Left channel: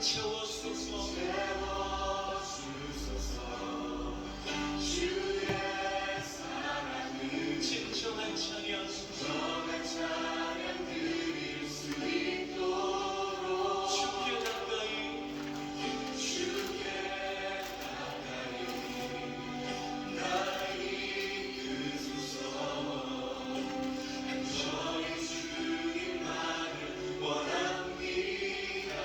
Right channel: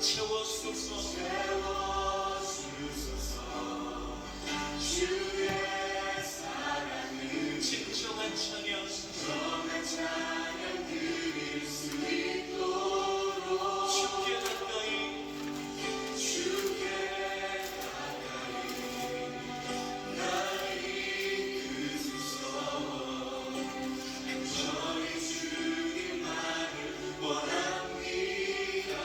채워주소서. 주의 사랑을 진정한 찬양 드릴 수 있도록 주께 가까이 나를 이끄소서. 저의 주님만을 원합니다.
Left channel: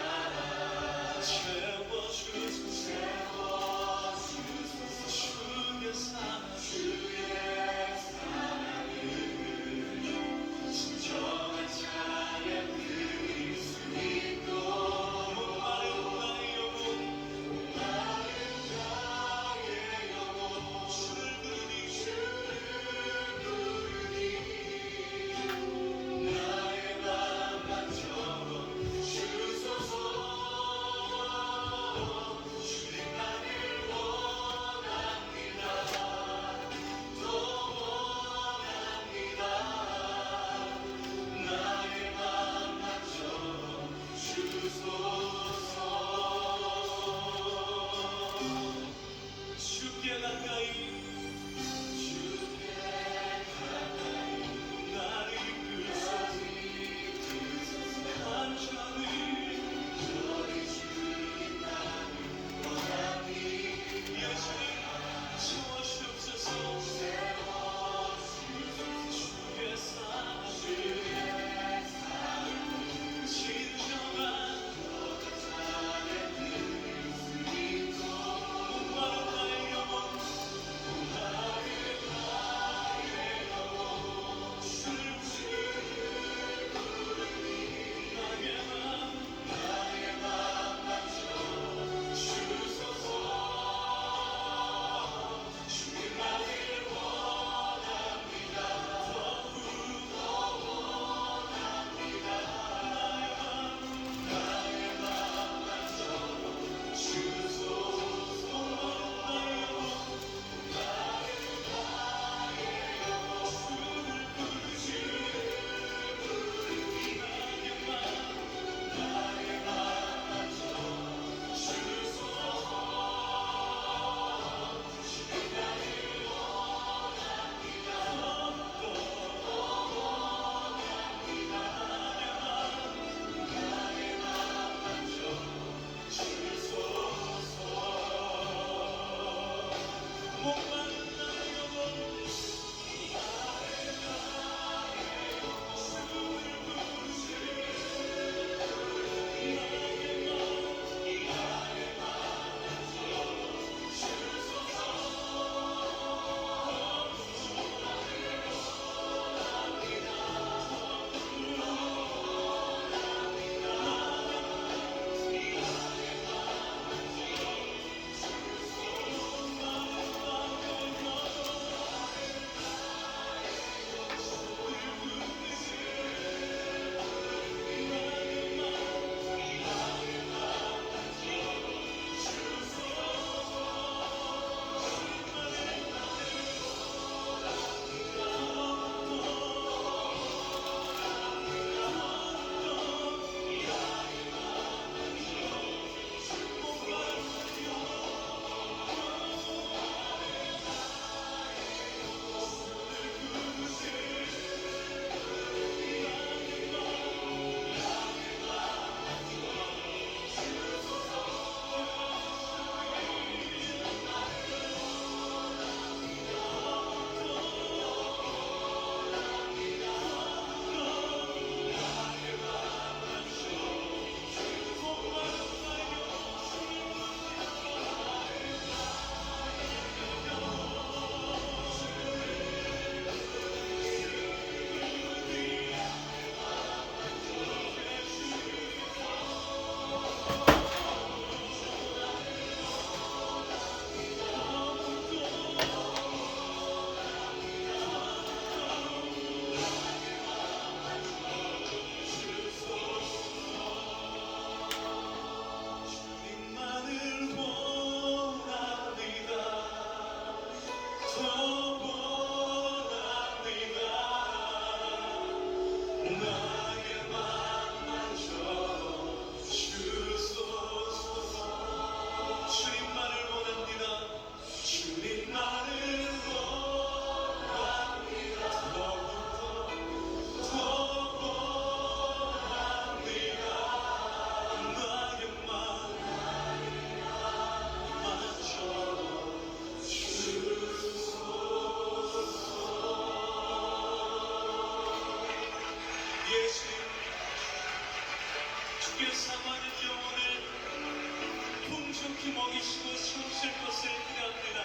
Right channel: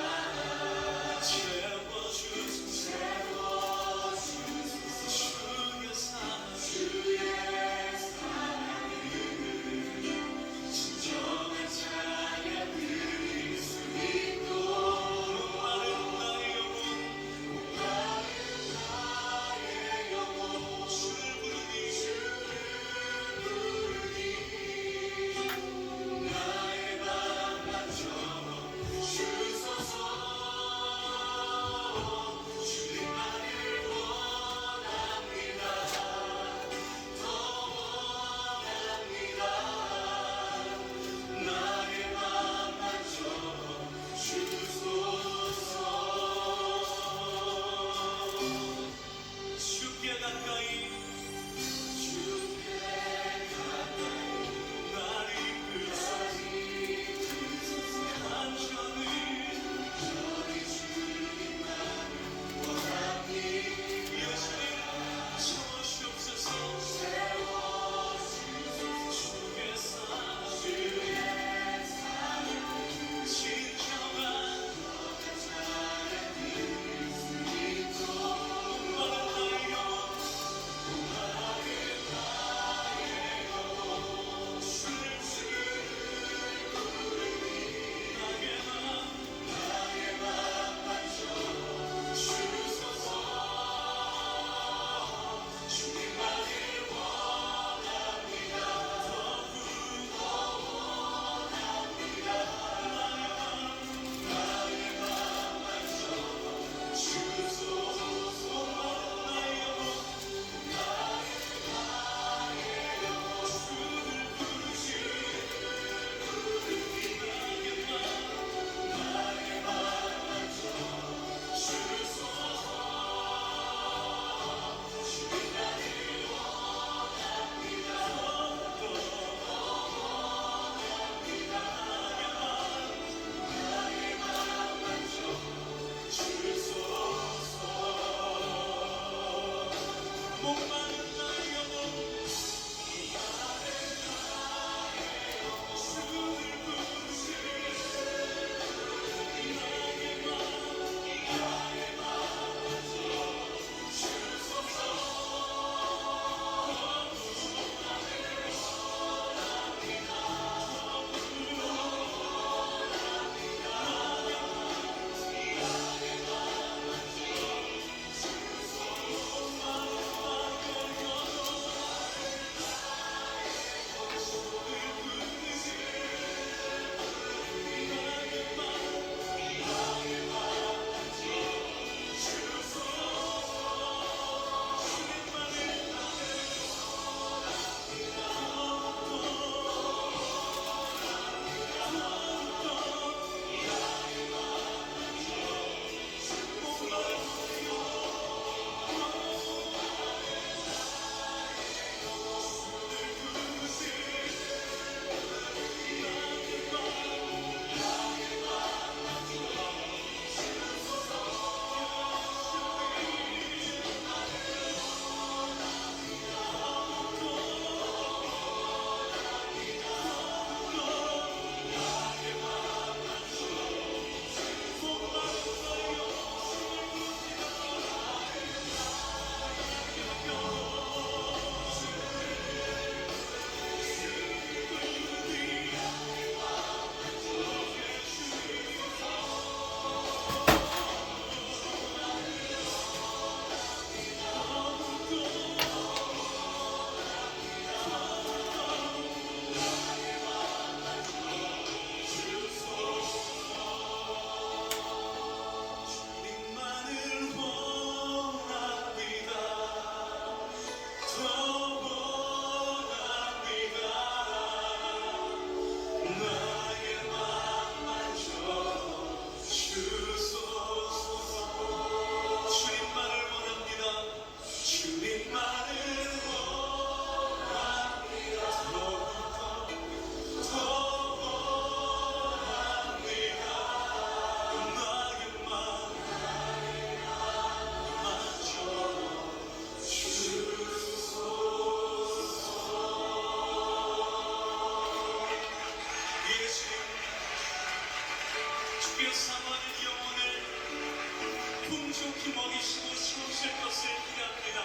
풍족히 먹이시고 채우실 것을 기대합니다.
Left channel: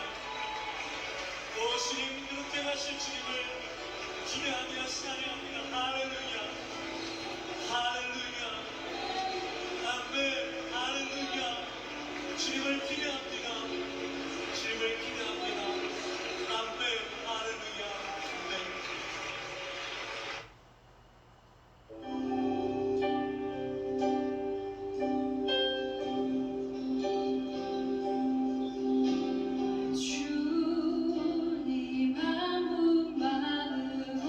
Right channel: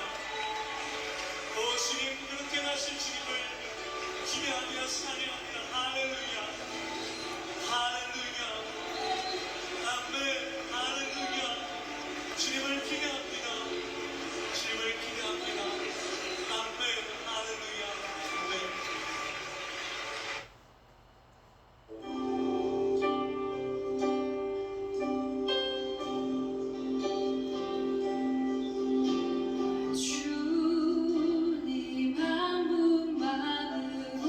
주님 그렇게 하실 주님을 기대하며 찬양합니다. 할렐루야 할렐루야 아멘 할렐루야. 주님을 기대합니다. 주님을 기대합니다. 아멘 할렐루야 아멘. 주님 한 분만으로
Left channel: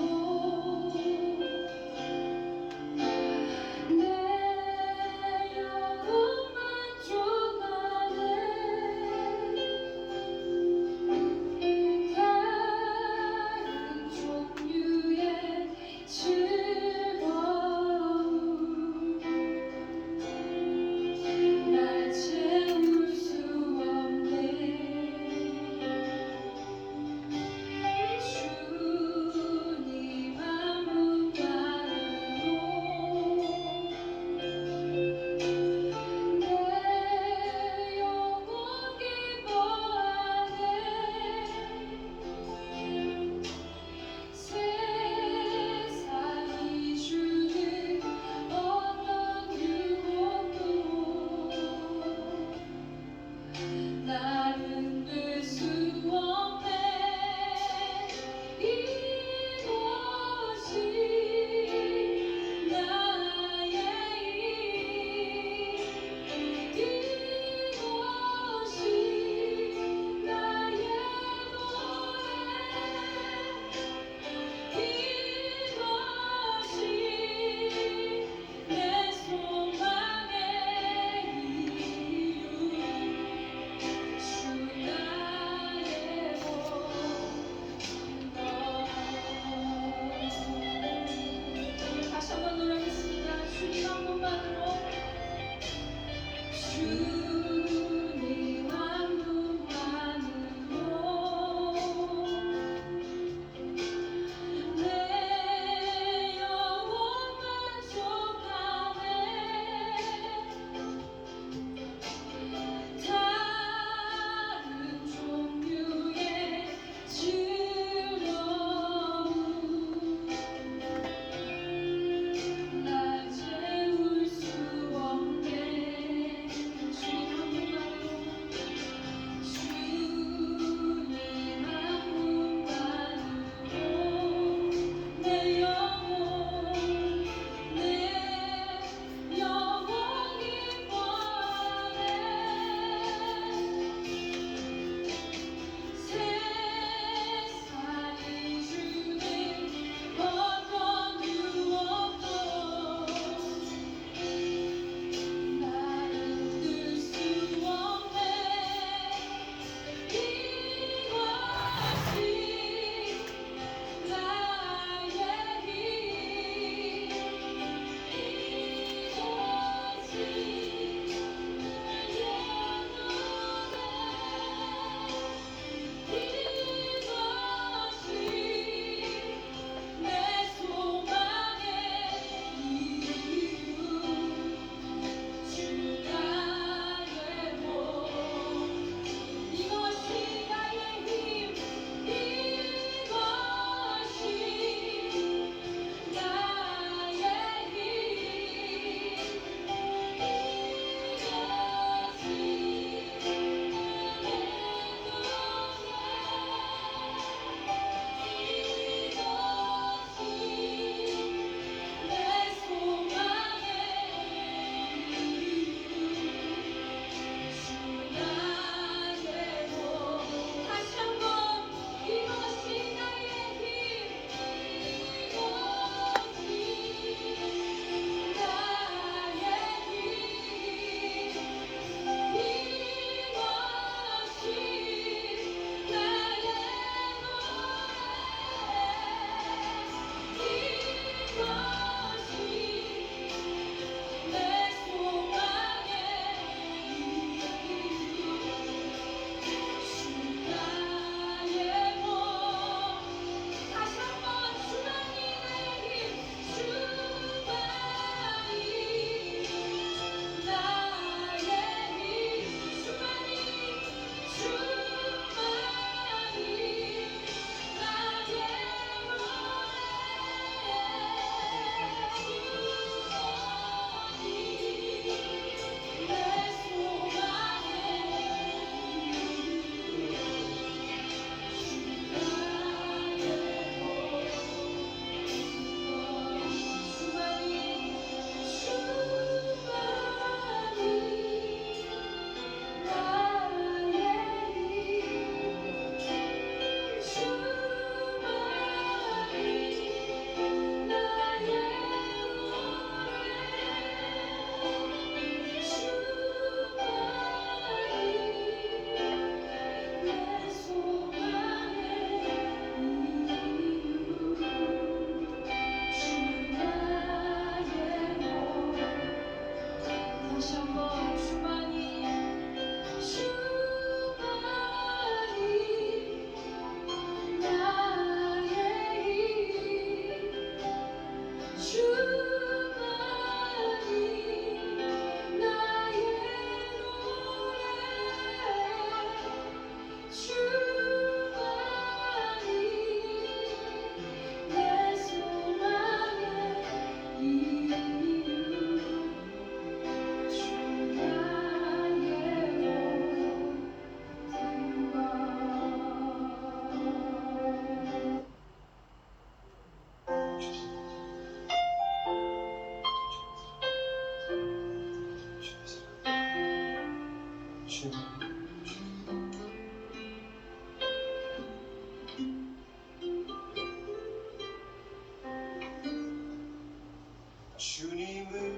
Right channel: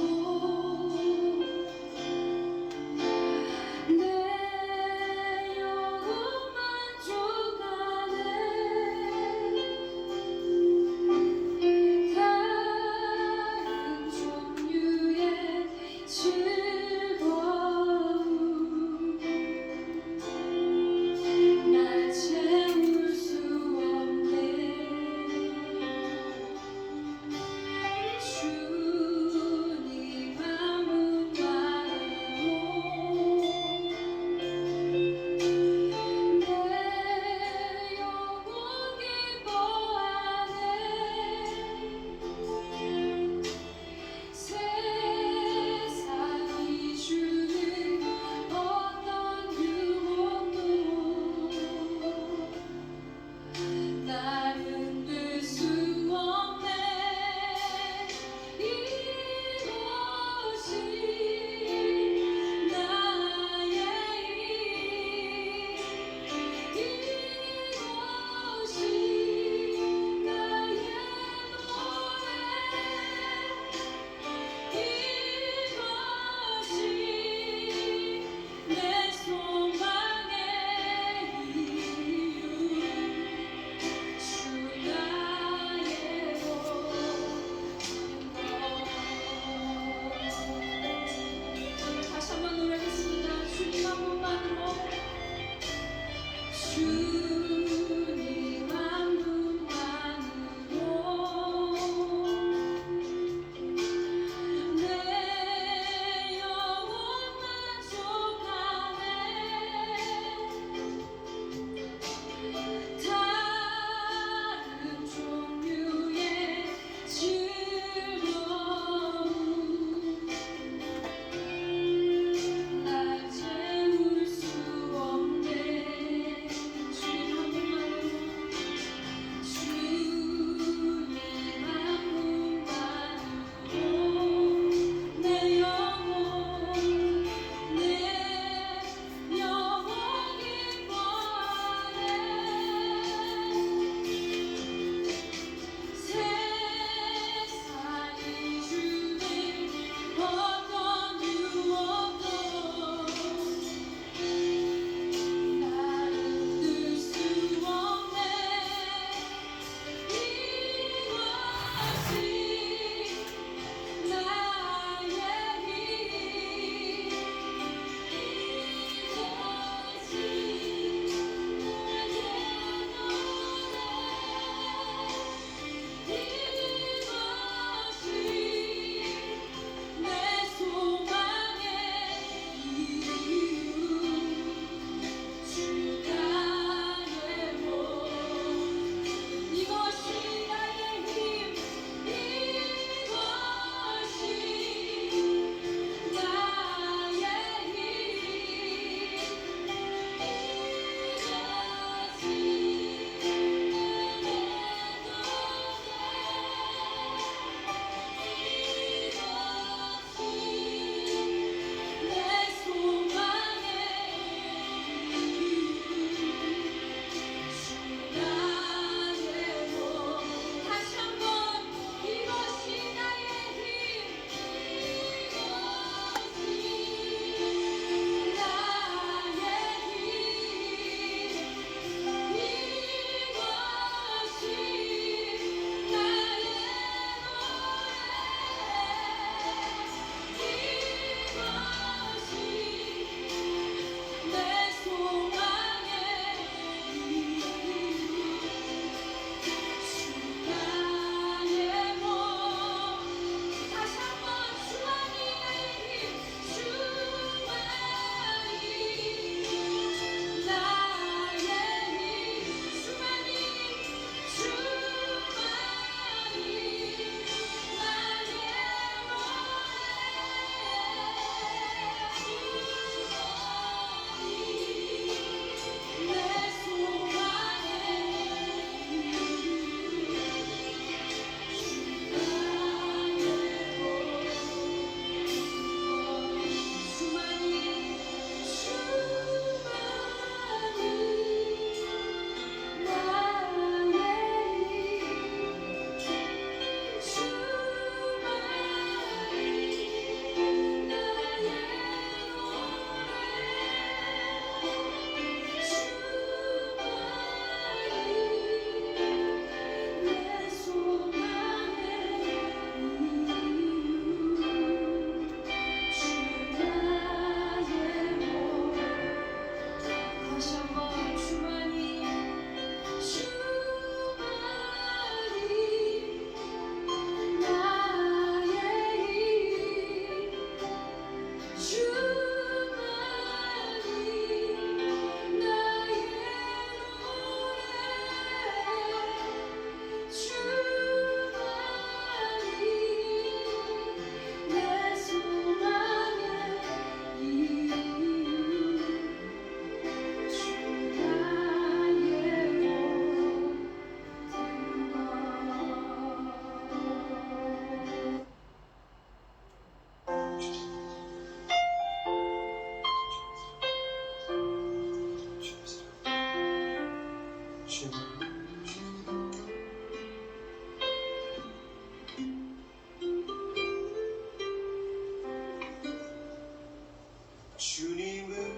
주님을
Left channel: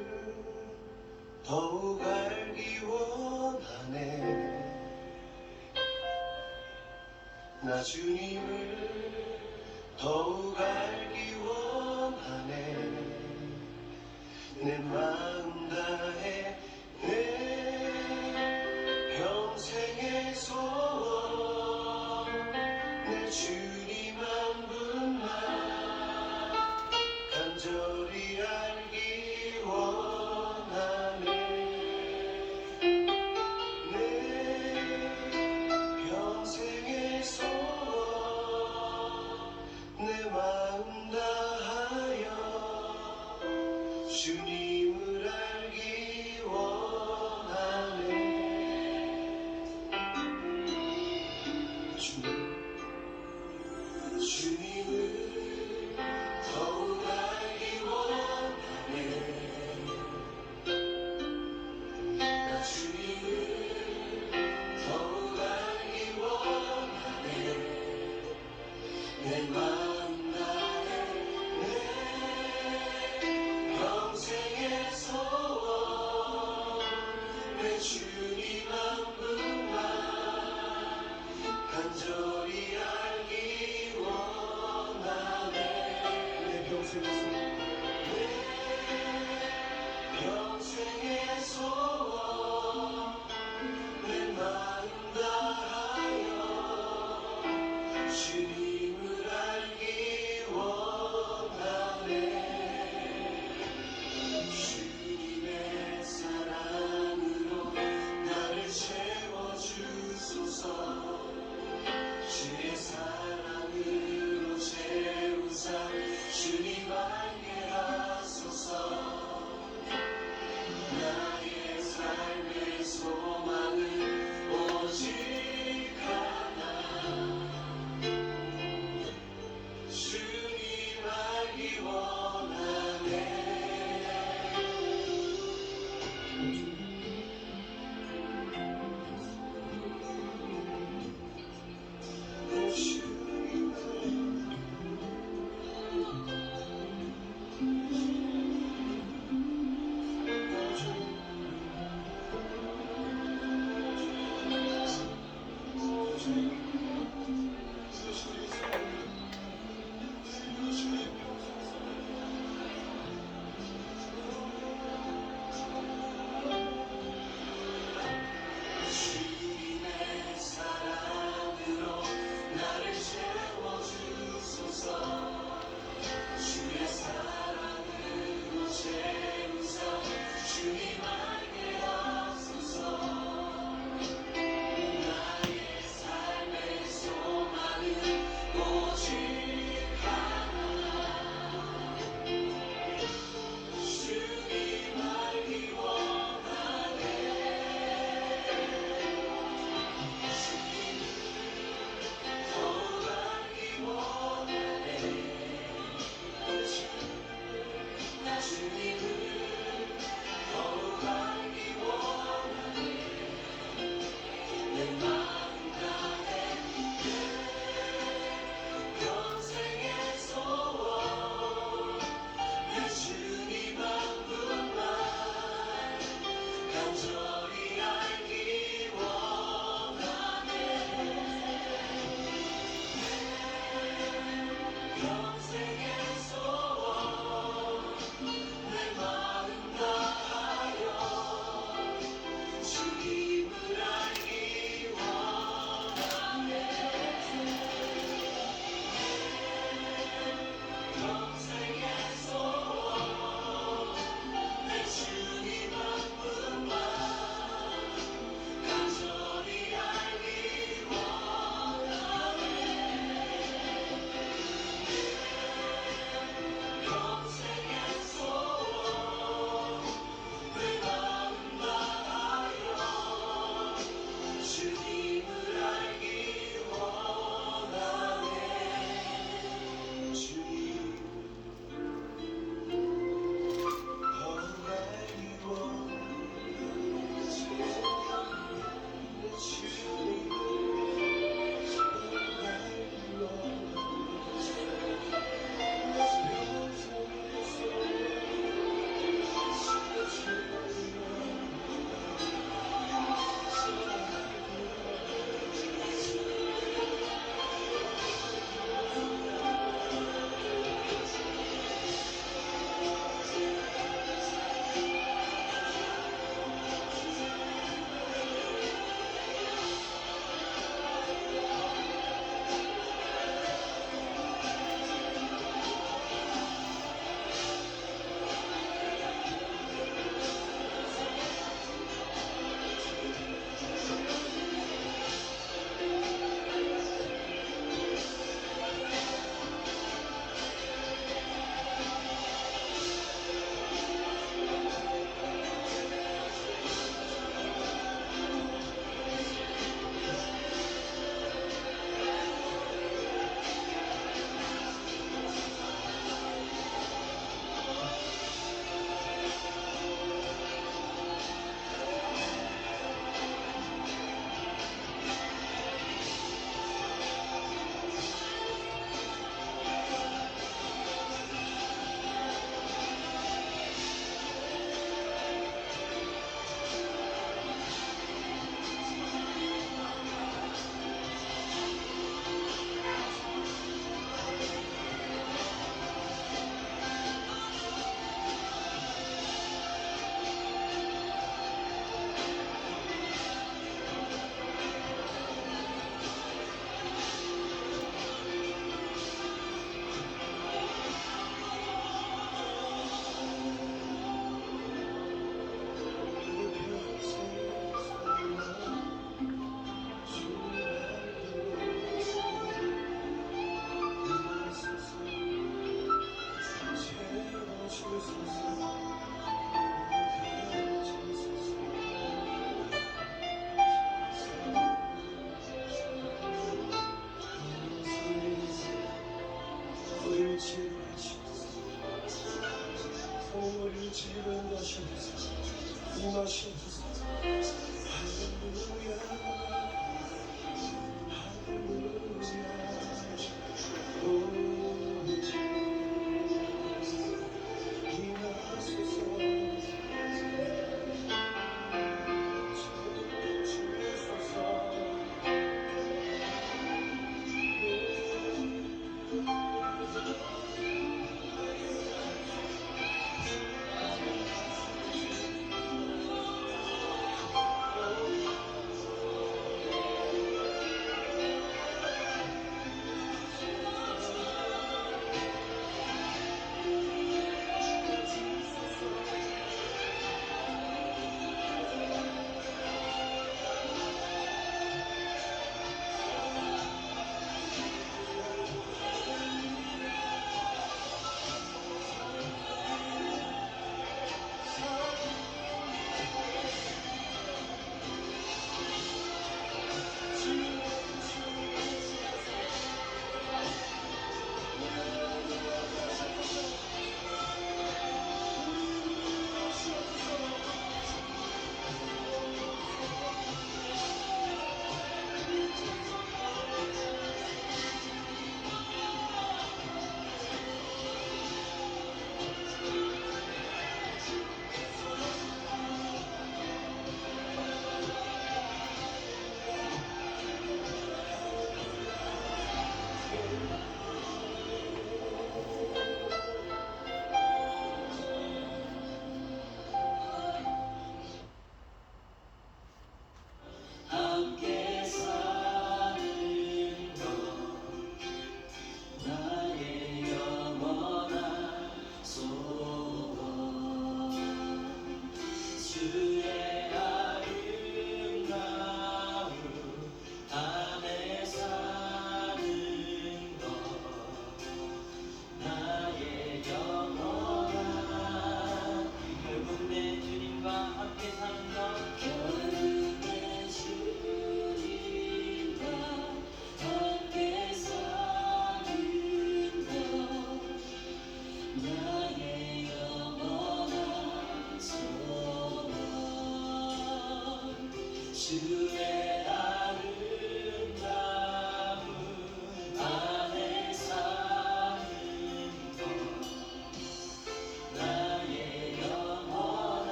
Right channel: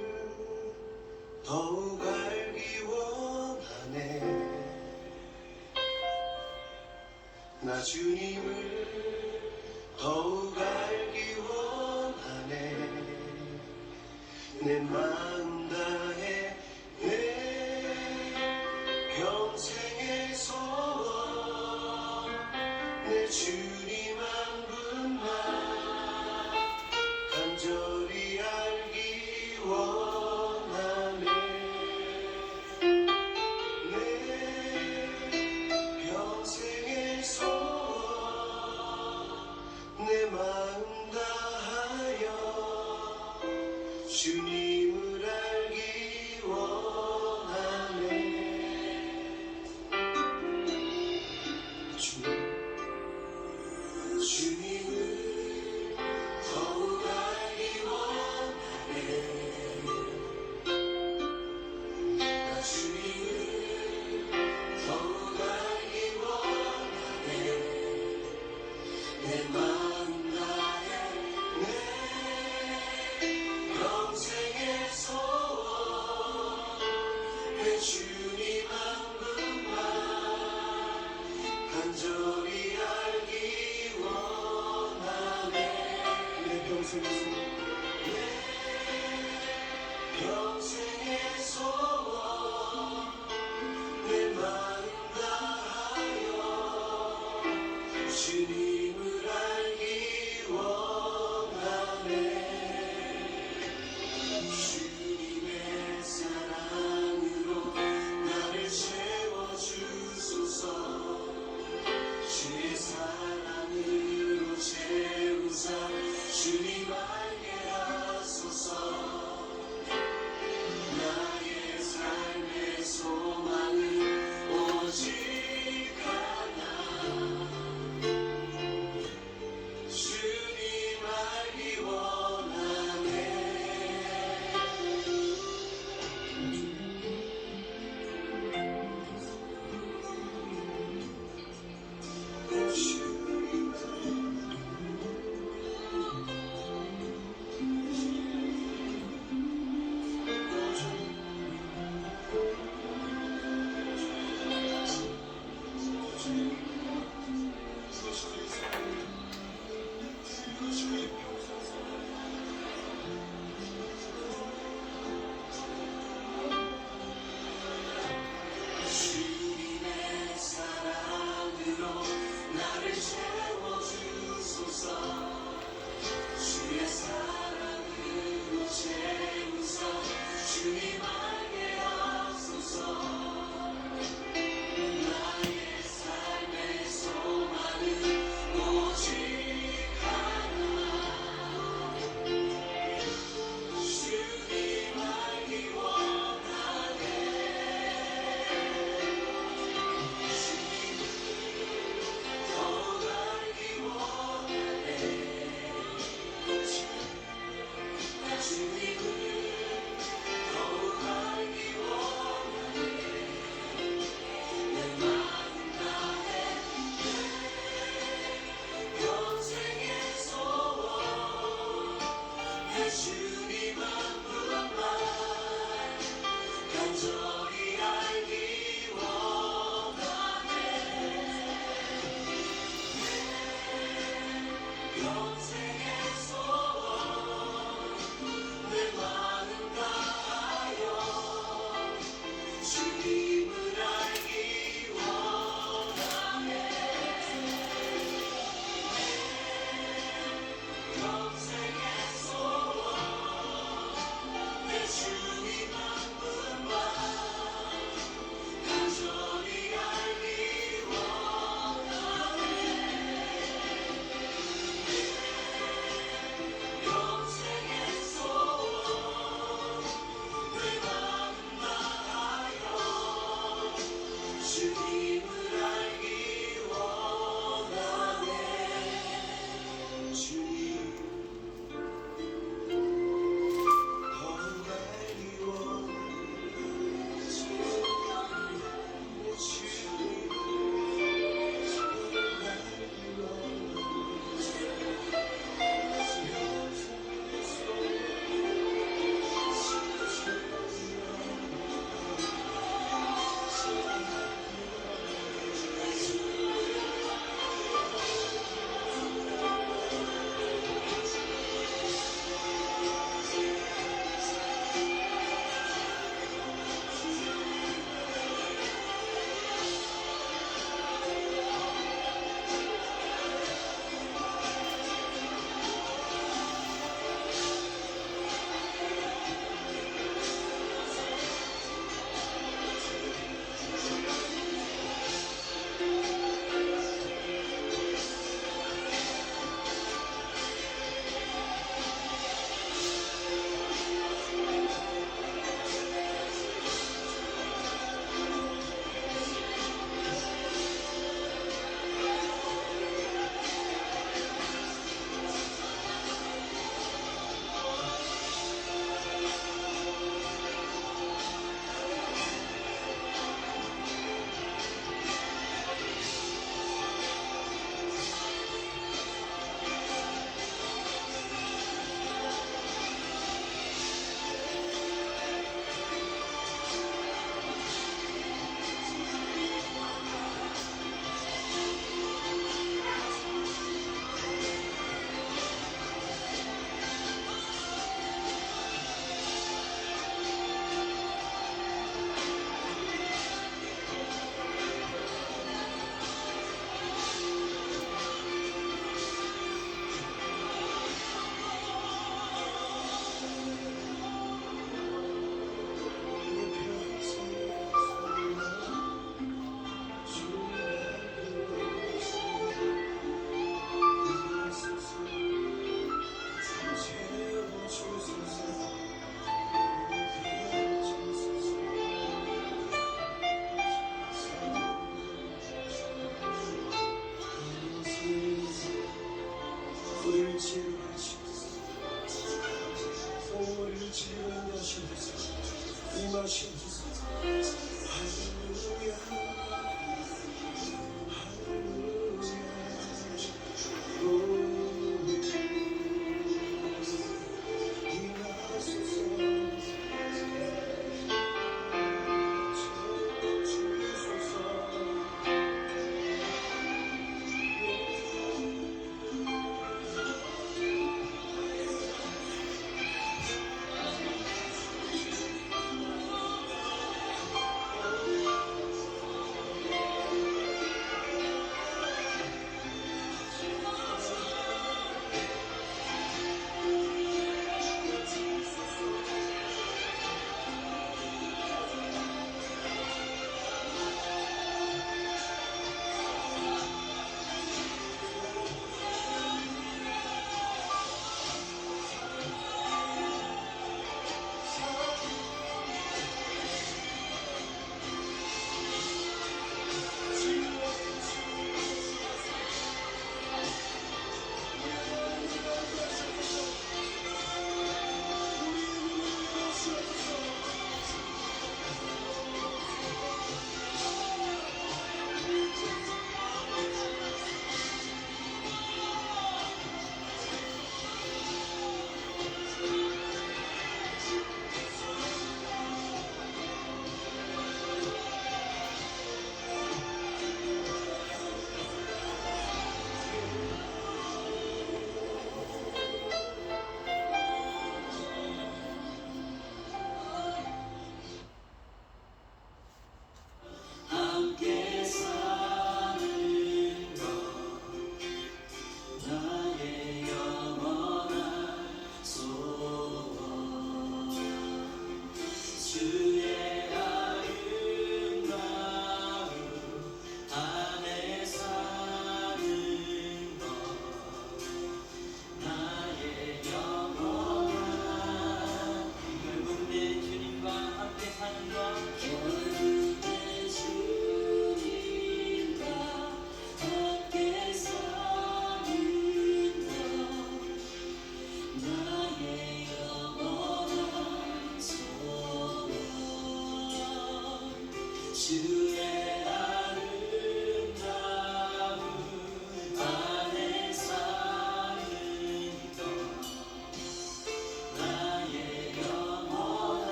더욱 알기 원하네. 나 주님을 더욱 알기 원하네. 내 마음 다해 내 평생의 소원 내 주님 한 분만 간절히 알기 원하네. 내 평생의 소원 내 마음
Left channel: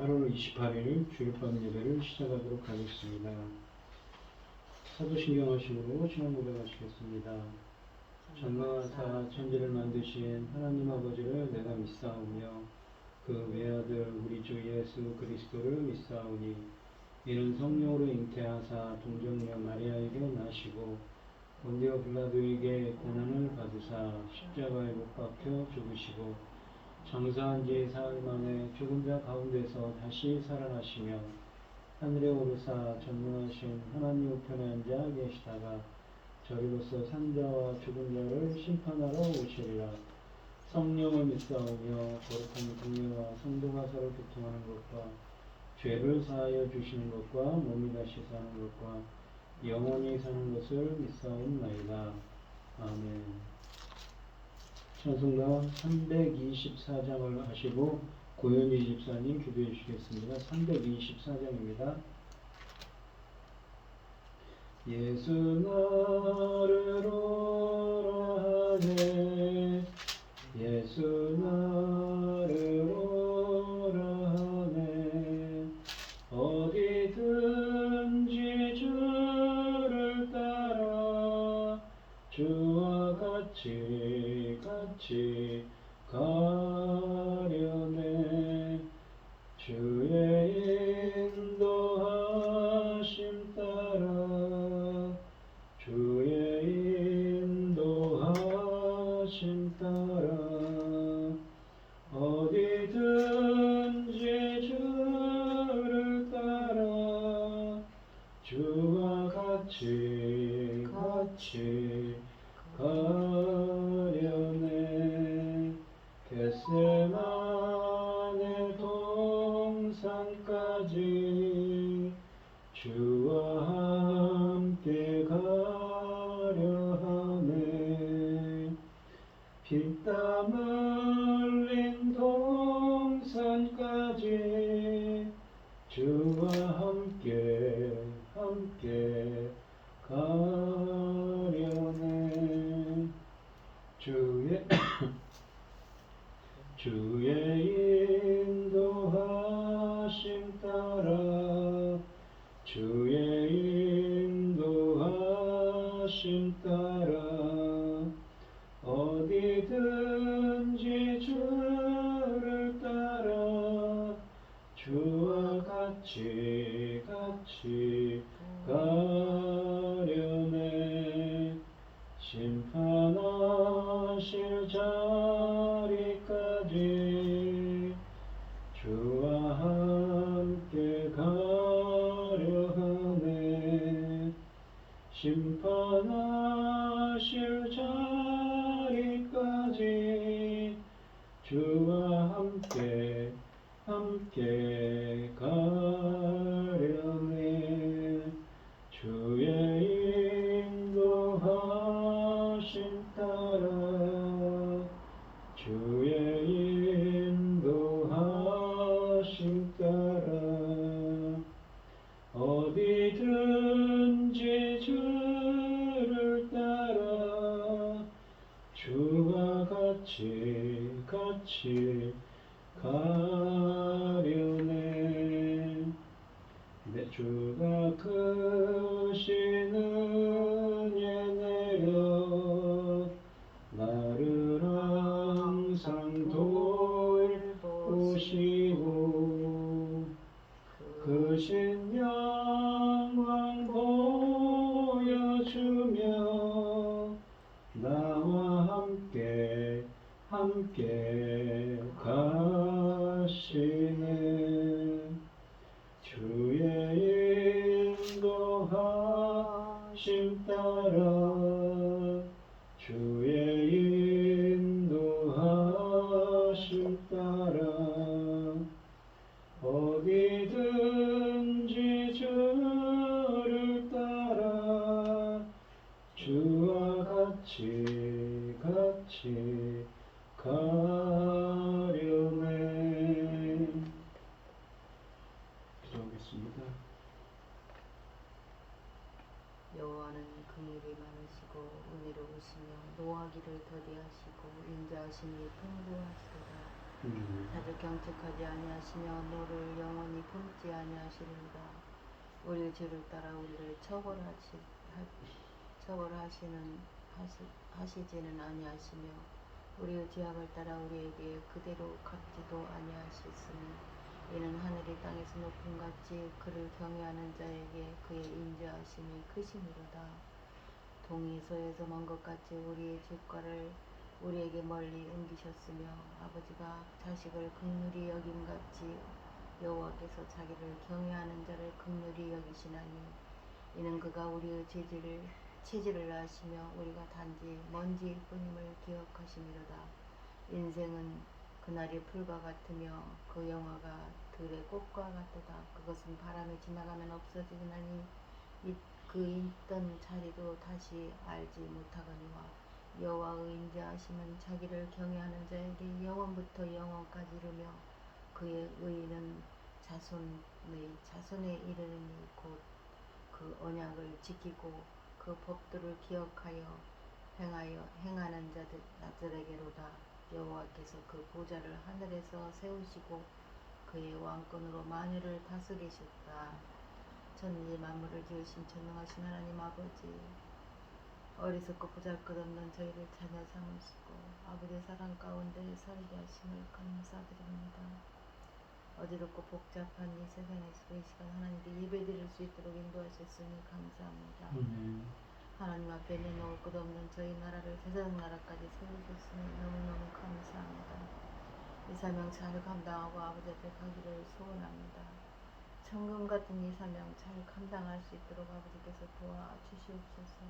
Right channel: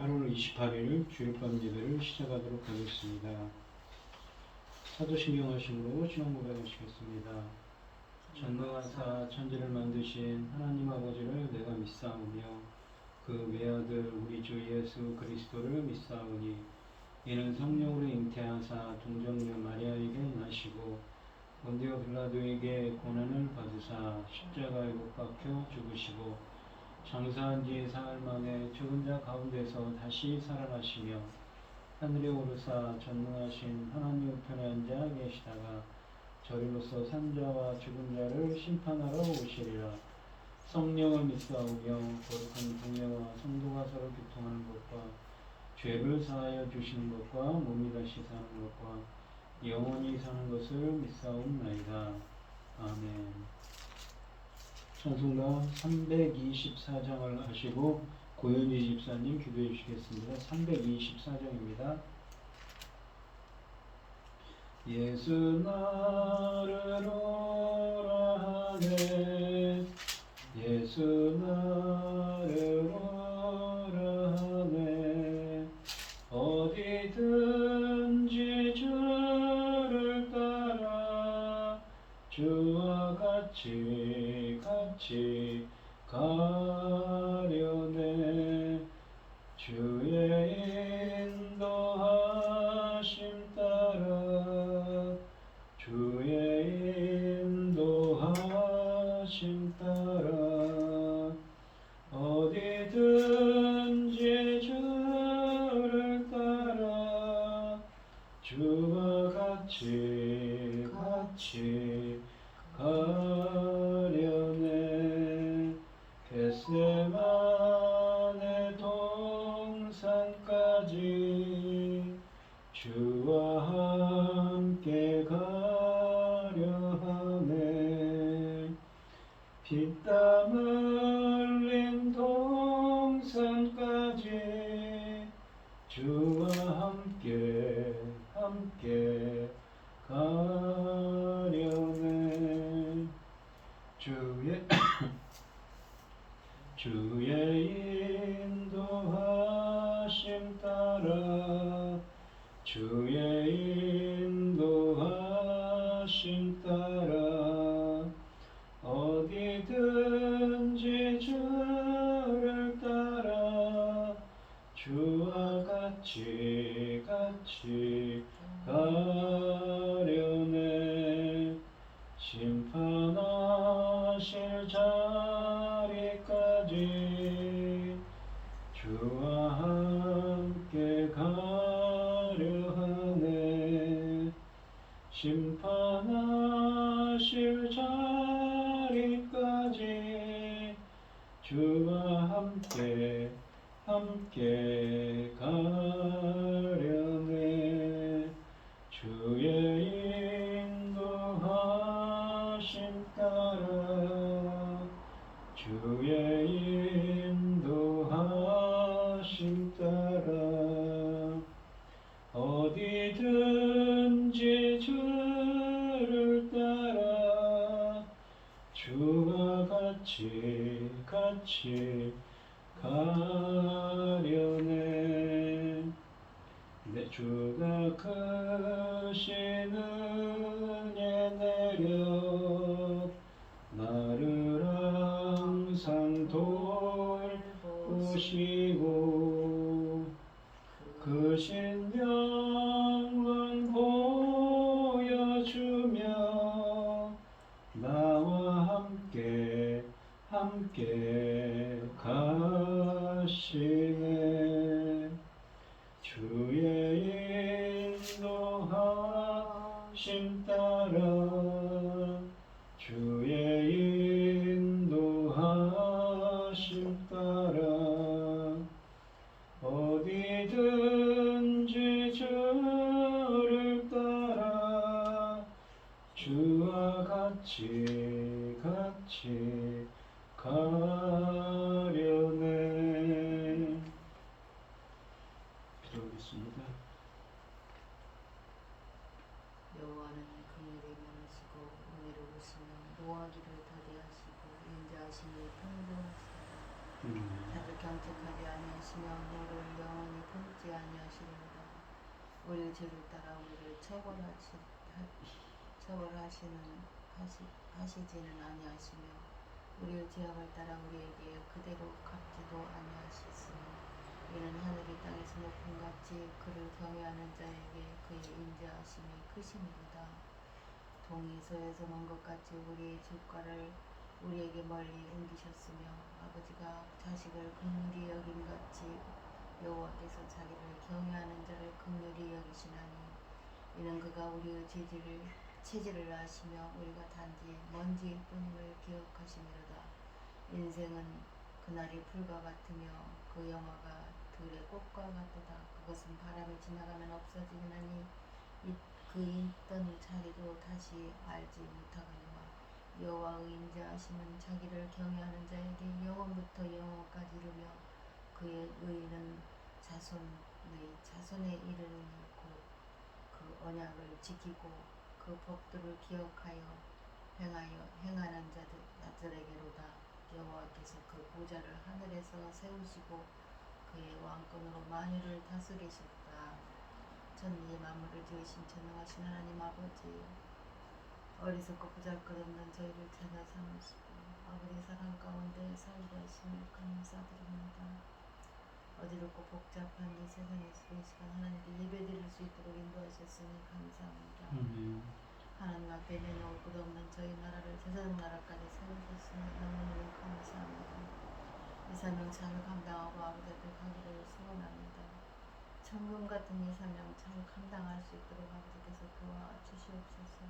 8월 28일 주일밤 예배를 시작하도록 하겠습니다. 사도신경 하심으로 신앙 고백하시겠습니다. 전능하사 천지를 만드신 하나님 아버지를 내가 믿사오며 그 외아들 우리 주 예수 그리스도를 믿사오니 이는 성령으로 잉태하사 동정녀 마리아에게 나시고 본디오 빌라도에게 고난을 받으사 십자가에 못 박혀 죽으시고 장사한 지 사흘 만에 죽은 자 가운데서 다시 살아나시며 하늘에 오르사 전능하신 하나님 우편에 앉아 계시다가 저리로서 산자와 죽은 자를 심판하러 오시리라. 성령을 믿사오며 거룩한 동네와 성도가 서로 교통하는 것과 죄를 사하여 주시는 것과 몸이 다시 사는 것과 영원히 사는 것을 믿사옵나이다. 아멘. 찬송가 324장을 하시고 고현희 집사님 기도해 주시겠습니다. 324장입니다. 예수 나를 오라 하네 예수 나를 오라 하네 어디든지 주를 따라 주와 같이 가려네 주의 인도하심 따라 주의 인도하심 따라 어디든지 주를 따라 주와 같이 가려네 겟세마네 동산까지 주와 함께 가려 하네 피땀 흘린 동산까지 주와 함께 가려네 주의 인도하심 따라 주의 인도하심 따라 어디든지 주를 따라 주와 같이 가려네 심판하실 자리까지 주와 함께 가려 하네 심판하실 자리까지 주와 함께 가려네 주의 인도하심 따라 주의 인도하심 따라 어디든지 주를 따라 주와 같이 가려네 내 주가 크신 은혜 내려 나를 항상 돌보시고 크신 영광 보여주며 나와 함께 가시네 주의 인도하심 따라 주의 인도하심 따라 어디든지 주를 따라 주와 같이 가려네 기도하겠습니다. 여호와는 긍휼이 많으시고 은혜로우시며 노하기를 더디하시고 인자하심이 풍부하시도다. 자들 경책하지 아니하시며 너를 영원히 품지 아니하시리로다. 우리의 죄를 따라 우리를 처벌하시지는 아니하시며 우리의 죄악을 따라 우리에게 그대로 갚지도 아니하셨으니 이는 하늘이 땅에서 높음 같이 그를 경외하는 자에게 그의 인자하심이 크심이로다. 동이 서에서 먼 것 같이 우리의 주가를 우리에게 멀리 옮기셨으며 아버지가 자식을 긍휼히 여김같이 여호와께서 자기를 경외하는 자를 긍휼히 여기시나니 이는 그가 우리의 체질을 아시며 우리가 단지 먼지일 뿐임을 기억하심이로다. 인생은 그날이 풀과 같으며 그 영화가 들의 꽃과 같도다. 그것은 바람이 지나가면 없어지나니 그 있던 자리도 다시 알지 못하거니와 여호와의 인자하심은 자기를 경외하는 자에게 영원부터 영원까지 이르며 그의 의는 자손에 이르니 곧 그 언약을 지키고 그 법도를 기억하여 행하는 자들에게로다. 여호와께서 그 보좌를 하늘에서 세우시고 그의 왕권으로 만유를 다스리셨다. 천지 만물을 지으신 전능하신 하나님 아버지, 어리석고 보잘것없는 저희를 찾아 삼으시고 아버지의 사랑 가운데 살게 하심을 감사드립니다. 어지럽고 복잡한 이 세상에서 이 시간 하나님께 예배드릴 수 있도록 인도하셨으니 감사합니다. 하나님 앞에 내놓을 것 없는 저희 나라를 제사장 나라까지 세우셨으니 너무너무 감사합니다. 이 사명 잘 감당하고 아버지 앞에 가기를 소원합니다. 천금 같은 이 사명 잘 감당할 수 있도록 아버지께서 도와주시옵소서.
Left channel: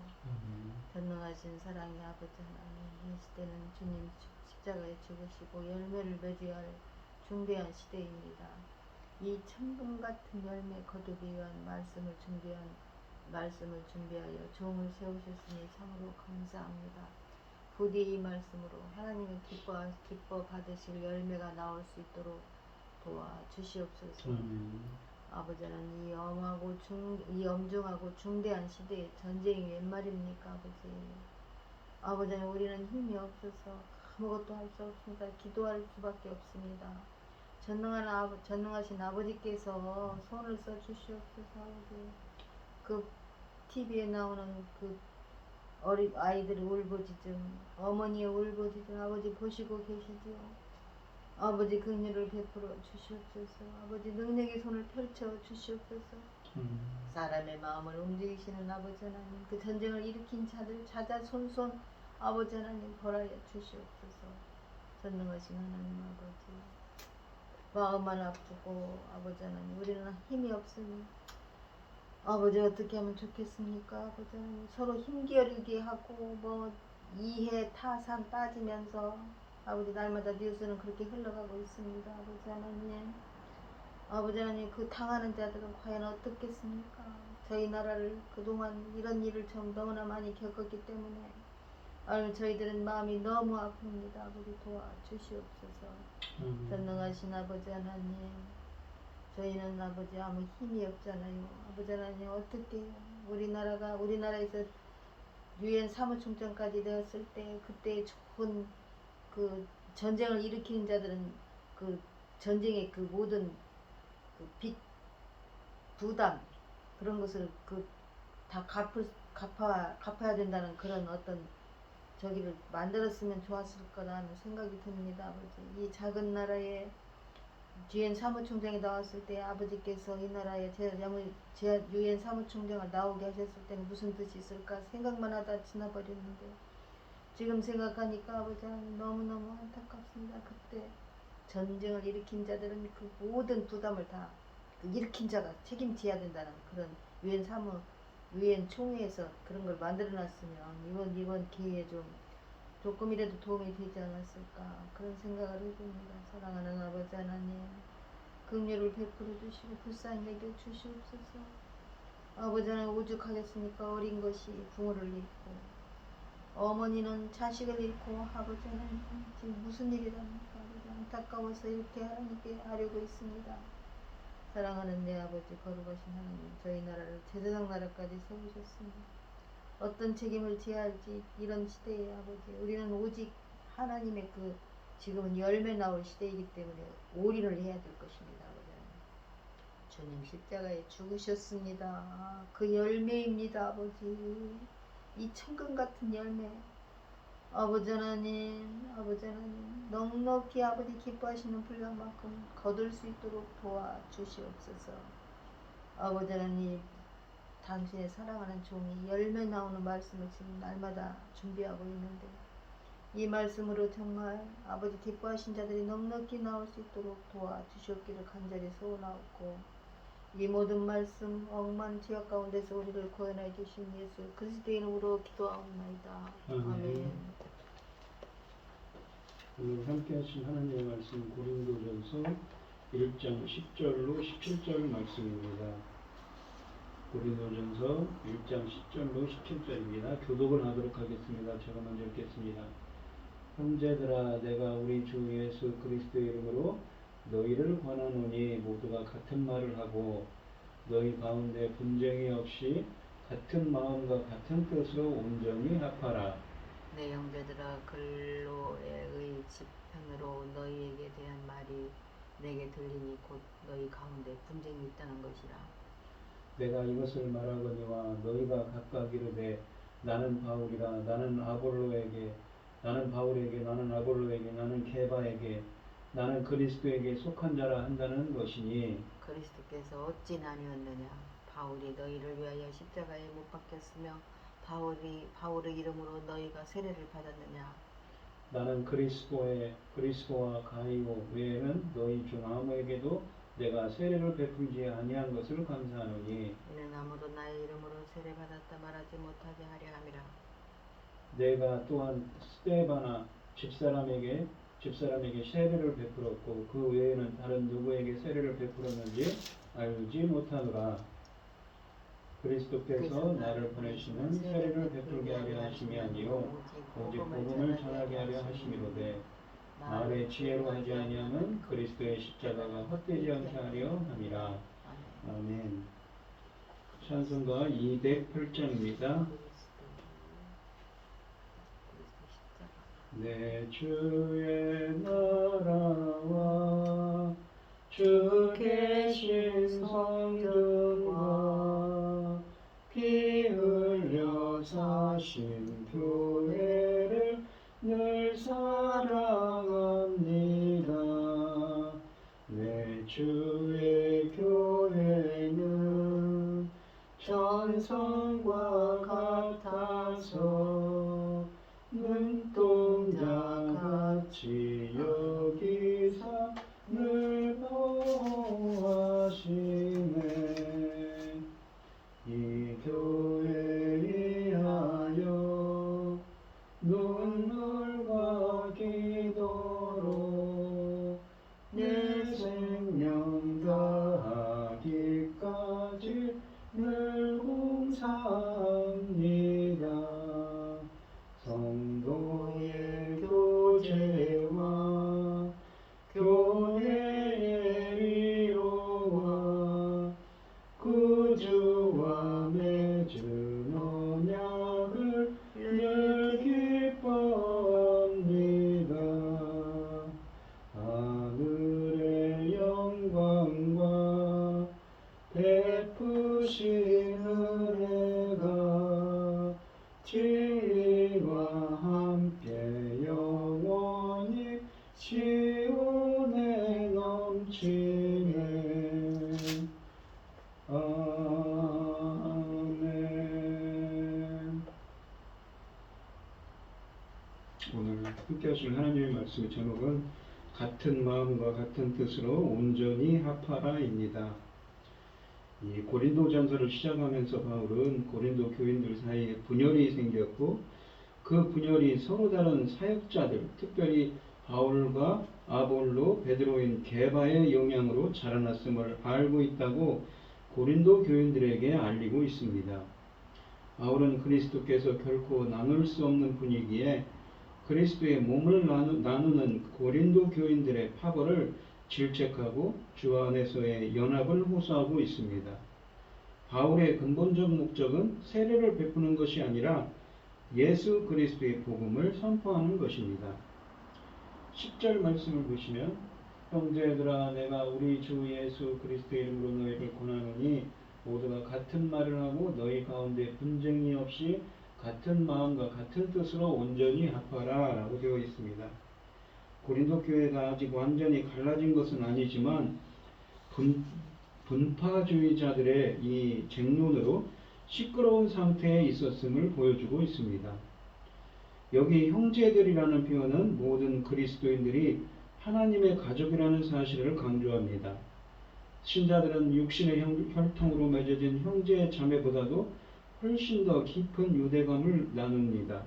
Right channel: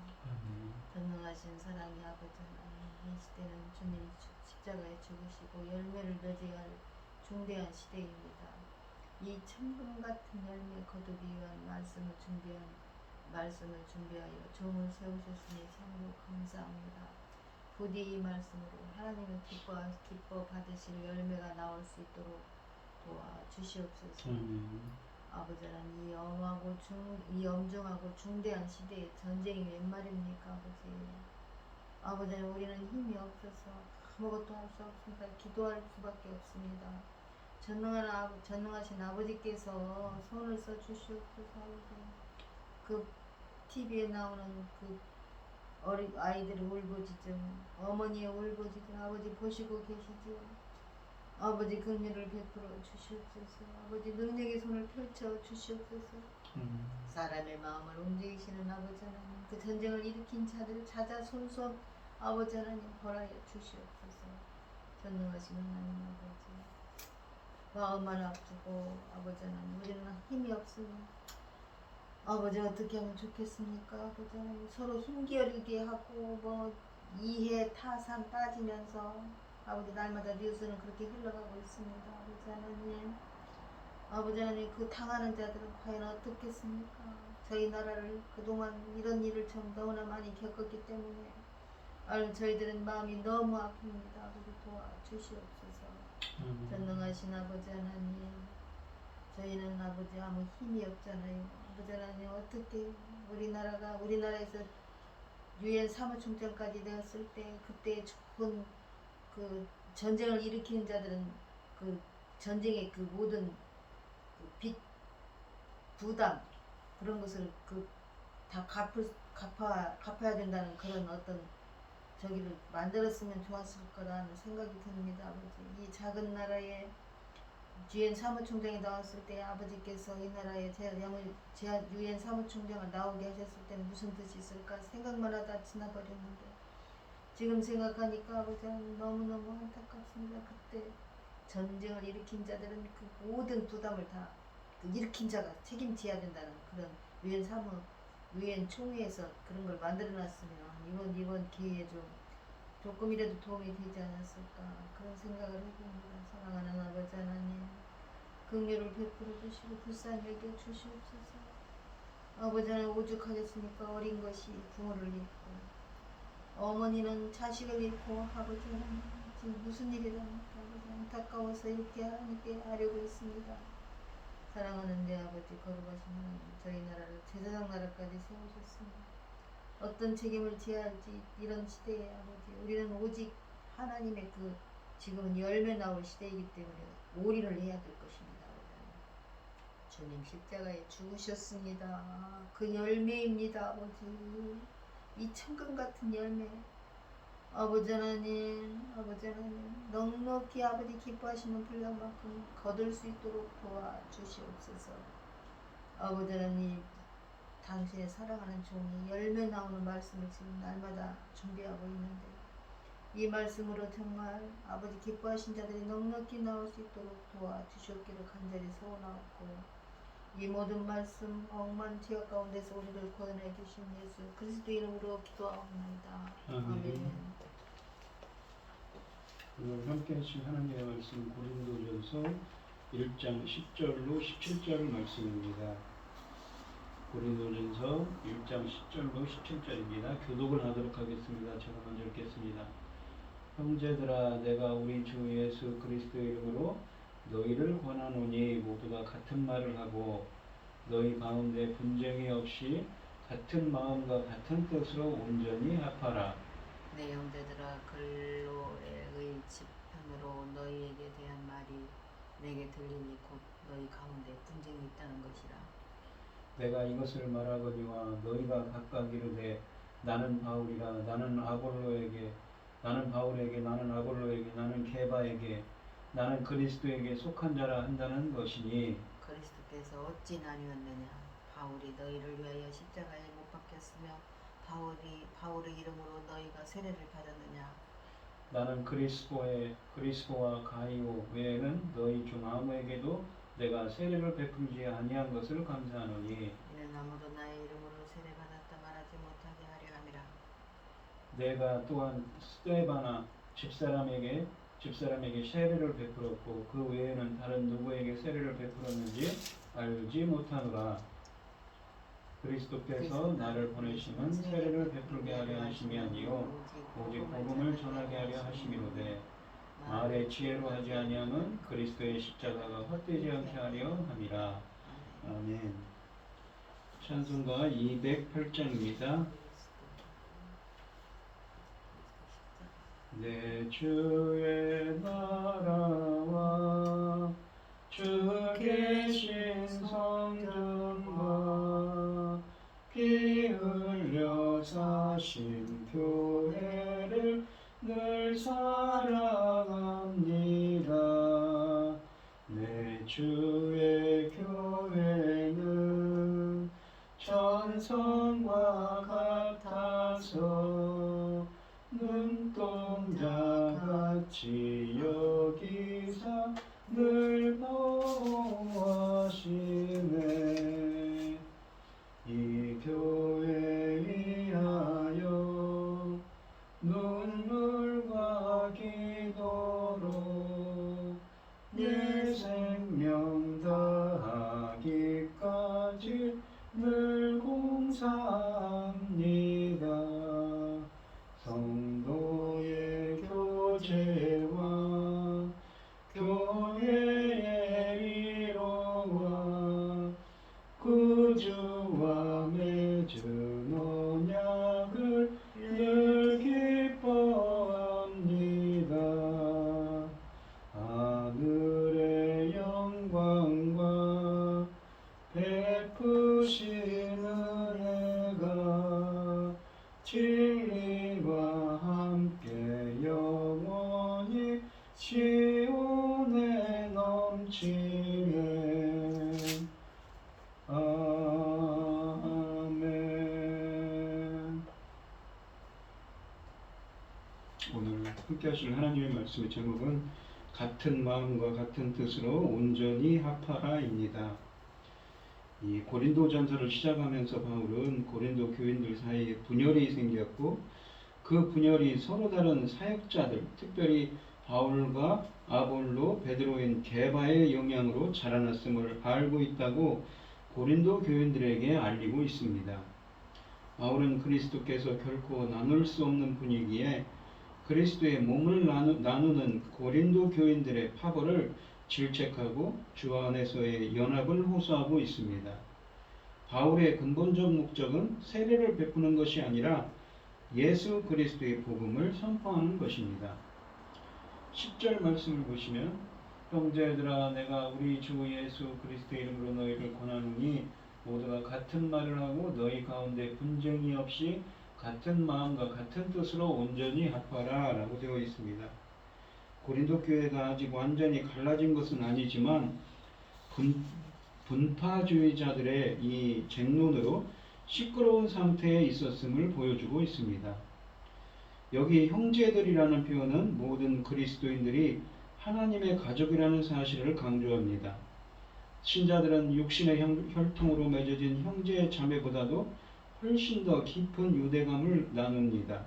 전능하신 사랑의 아버지 하나님, 이 시대는 주님 십자가에 죽으시고 열매를 맺어야 할 중대한 시대입니다. 이 천금 같은 열매 거두기 위한 말씀을 준비하여 종을 세우셨으니 참으로 감사합니다. 부디 이 말씀으로 하나님의 기뻐 받으실 열매가 나올 수 있도록 도와주시옵소서. 아버지는 이 엄중하고 중대한 시대에 전쟁이 웬 말입니까 아버지. 아버지는 우리는 힘이 없어서 아무것도 할 수 없으니까 기도할 수밖에 없습니다. 전능하신 아버지께서 손을 써 주시옵소서. 그 TV에 나오는 그 어린 아이들의 울부짖음, 어머니의 울부짖음 아버지 보시고 계시지요. 아버지 긍휼을 베풀어 주시옵소서. 아버지 능력의 손을 펼쳐 주시옵소서. 사람의 마음을 움직이시는 아버지 하나님, 그 전쟁을 일으킨 자들 찾아 손손 아버지 하나님 벌하여 주시옵소서. 전능하신 하나님 아버지, 마음만 아프고 아버지 하나님 우리는 힘이 없으니 아버지 어떻게 하면 좋겠습니까? 아버지 하나님 서로 힘겨루게 하고 이해 타산 따지면서 아버지 날마다 뉴스는 그렇게 흘러가고 있습니다. 아버지 하나님 그 당하는 자들은 과연 어떻겠습니까? 저희 나라를 그동안 이런 일을 좀 너무나 많이 겪었기 때문에 저희들은 마음이 너무 아픕니다. 아버지 도와주시옵소서. 전능하신 아버지 하나님, 저희는 아버지 아무 힘이 없잖아요. 아버지 하나님 어떻게 우리나라에서 유엔 사무총장까지 되었을 때 그때 좋은 그 전쟁을 일으키는 자들은 그 전쟁의 그 모든 그 빚 부담 그런 것을 다 갚아야 된다는 그런 어떤 저기를 만들었으면 좋았을 거라는 생각이 듭니다. 아버지 이 작은 나라에 유엔 사무총장이 나왔을 때 아버지께서 이 나라에 유엔 사무총장을 나오게 하셨을 때는 무슨 뜻이 있을까 생각만 하다 지나버렸는데 지금 생각하니까 아버지 하나님 너무너무 안타깝습니다. 그때 전쟁을 일으킨 자들은 그 모든 부담을 다 그 일으킨 자가 책임져야 된다는 그런 유엔 총회에서 그런 걸 만들어놨으면 이번 기회에 조금이라도 도움이 되지 않았을까 그런 생각을 해봅니다. 사랑하는 아버지 하나님, 긍휼을 베풀어 주시고 불쌍히 여겨 주시옵소서. 아버지 하나님 오죽하겠습니까? 어린 것이 부모를 잃고 어머니는 자식을 잃고 아버지 하나님 지금 무슨 일이랍니까? 안타까워서 이렇게 하나님께 아뢰고 있습니다. 사랑하는 내 아버지 거룩하신 하나님, 저희 나라를 제사장 나라까지 세우셨습니다. 어떤 책임을 져야 할지 이런 시대에 아버지 우리는 오직 하나님의 그 지금은 열매 나올 시대이기 때문에 올인을 해야 될 것입니다. 아버지. 주님 십자가에 죽으셨습니다. 그 열매입니다. 아버지. 이 천금 같은 열매. 아버지 하나님 넉넉히 아버지 기뻐하시는 분량만큼 거둘 수 있도록 도와주시옵소서. 아버지 하나님 당신의 사랑하는 종이 열매 나오는 말씀을 지금 날마다 준비하고 있는데 이 말씀으로 정말 아버지 기뻐하신 자들이 넉넉히 나올 수 있도록 도와주시옵기를 간절히 소원하옵고 이 모든 말씀 억만 죄악 가운데서 우리를 구원하여 주신 예수 그리스도 이름으로 기도하옵나이다. 아멘. 오늘 함께 하실 하나님의 말씀 고린도전서 1장 10절로 17절 말씀입니다. 고린도전서 1장 10절로 17절입니다. 교독을 하도록 하겠습니다. 제가 먼저 읽겠습니다. 형제들아 내가 우리 주 예수 그리스도의 이름으로 너희를 권하노니 모두가 같은 말을 하고 너희 가운데 분쟁이 없이 같은 마음과 같은 뜻으로 온전히 합하라. 내 형제들아 글로의 지편으로 너희에게 대한 말이 내게 들리니 곧 너희 가운데 분쟁이 있다는 것이라. 내가 이것을 말하거니와 너희가 각각 이르되 나는 바울이라 나는 아볼로에게 나는 바울에게 나는 아볼로에게 나는 게바에게 나는 그리스도에게 속한 자라 한다는 것이니 그리스도께서 어찌 나뉘었느냐. 바울이 너희를 위하여 십자가에 못 박혔으며 바울의 이름으로 너희가 세례를 받았느냐. 나는 그리스도와 가이오 외에는 너희 중 아무에게도 내가 세례를 베풀지 아니한 것을 감사하노니 이는 아무도 나의 이름으로 세례 받았다 말하지 못하게 하려 함이라. 내가 또한 스데바나 집사람에게 세례를 베풀었고 그 외에는 다른 누구에게 세례를 베풀었는지 알지 못하노라. 그리스도께서 나를 보내심은 세례를 베풀게 하려 하심이 아니요 오직 복음을 전하게 하려 하심이로되 말의 지혜로 하지 아니함은 그리스도의 십자가가 헛되지 않게 하려 함이라. 아멘. 찬송가 208장입니다. 내 주의 나라와 주 계신 성전과 피 흘려 사신 교회를 늘 사랑합니다. 내 주의 교회는 천성과 같아서 눈동자같이 여기사 늘 보호하시네. 이 교회 위하여 눈물과 기도로 내 생명 다하기까지 늘 봉사합니다. 성도의 교제와 교회의 위로와 구주와 맺은 언약을 늘 기뻐합니다. 하늘의 영광과 베푸신 은혜가 진리와 함께 영원히 시온에 넘치네. 아멘. 오늘 함께 하실 하나님의 말씀의 제목은 같은 마음과 같은 뜻으로 온전히 합하라입니다. 이 고린도전서를 시작하면서 바울은 고린도 교인들 사이에 분열이 생겼고 그 분열이 서로 다른 사역자들, 특별히 바울과 아볼로, 베드로인 게바의 영향으로 자라났음을 알고 있다고 고린도 교인들에게 알리고 있습니다. 바울은 그리스도께서 결코 나눌 수 없는 분이기에 그리스도의 몸을 나누는 고린도 교인들의 파벌을 질책하고 주 안에서의 연합을 호소하고 있습니다. 바울의 근본적 목적은 세례를 베푸는 것이 아니라 예수 그리스도의 복음을 선포하는 것입니다. 10절 말씀을 보시면 형제들아 내가 우리 주 예수 그리스도 이름으로 너희를 권하노니 모두가 같은 말을 하고 너희 가운데 분쟁이 없이 같은 마음과 같은 뜻으로 온전히 합하라 라고 되어 있습니다. 고린도 교회가 아직 완전히 갈라진 것은 아니지만 분파주의자들의 이 쟁론으로 시끄러운 상태에 있었음을 보여주고 있습니다. 여기 형제들이라는 표현은 모든 그리스도인들이 하나님의 가족이라는 사실을 강조합니다. 신자들은 육신의 혈통으로 맺어진 형제 자매보다도 훨씬 더 깊은 유대감을 나눕니다.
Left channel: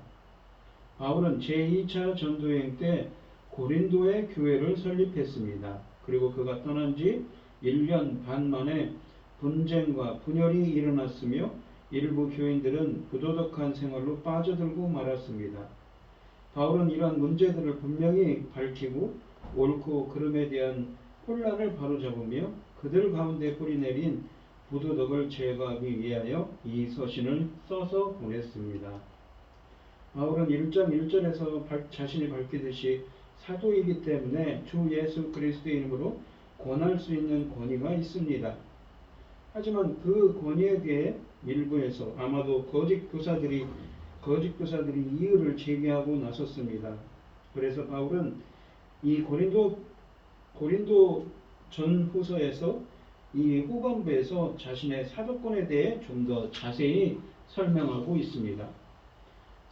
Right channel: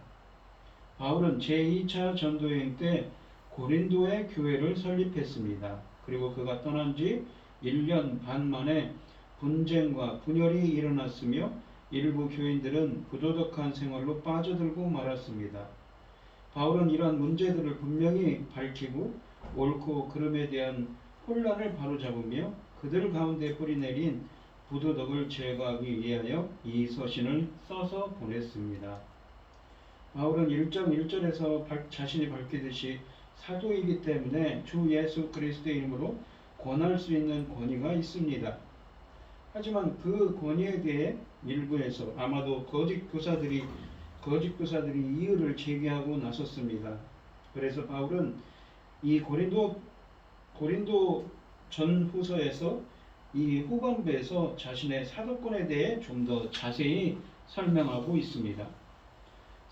바울은 제2차 전도여행 때 고린도의 교회를 설립했습니다. 그리고 그가 떠난 지 1년 반 만에 분쟁과 분열이 일어났으며 일부 교인들은 부도덕한 생활로 빠져들고 말았습니다. 바울은 이러한 문제들을 분명히 밝히고 옳고 그름에 대한 혼란을 바로잡으며 그들 가운데 뿌리내린 부도덕을 제거하기 위하여 이 서신을 써서 보냈습니다. 바울은 1장 1절에서 자신이 밝히듯이 사도이기 때문에 주 예수 그리스도의 이름으로 권할 수 있는 권위가 있습니다. 하지만 그 권위에 대해 일부에서 아마도 거짓 교사들이 이의를 제기하고 나섰습니다. 그래서 바울은 이 고린도 전후서에서 이 후반부에서 자신의 사도권에 대해 좀 더 자세히 설명하고 있습니다.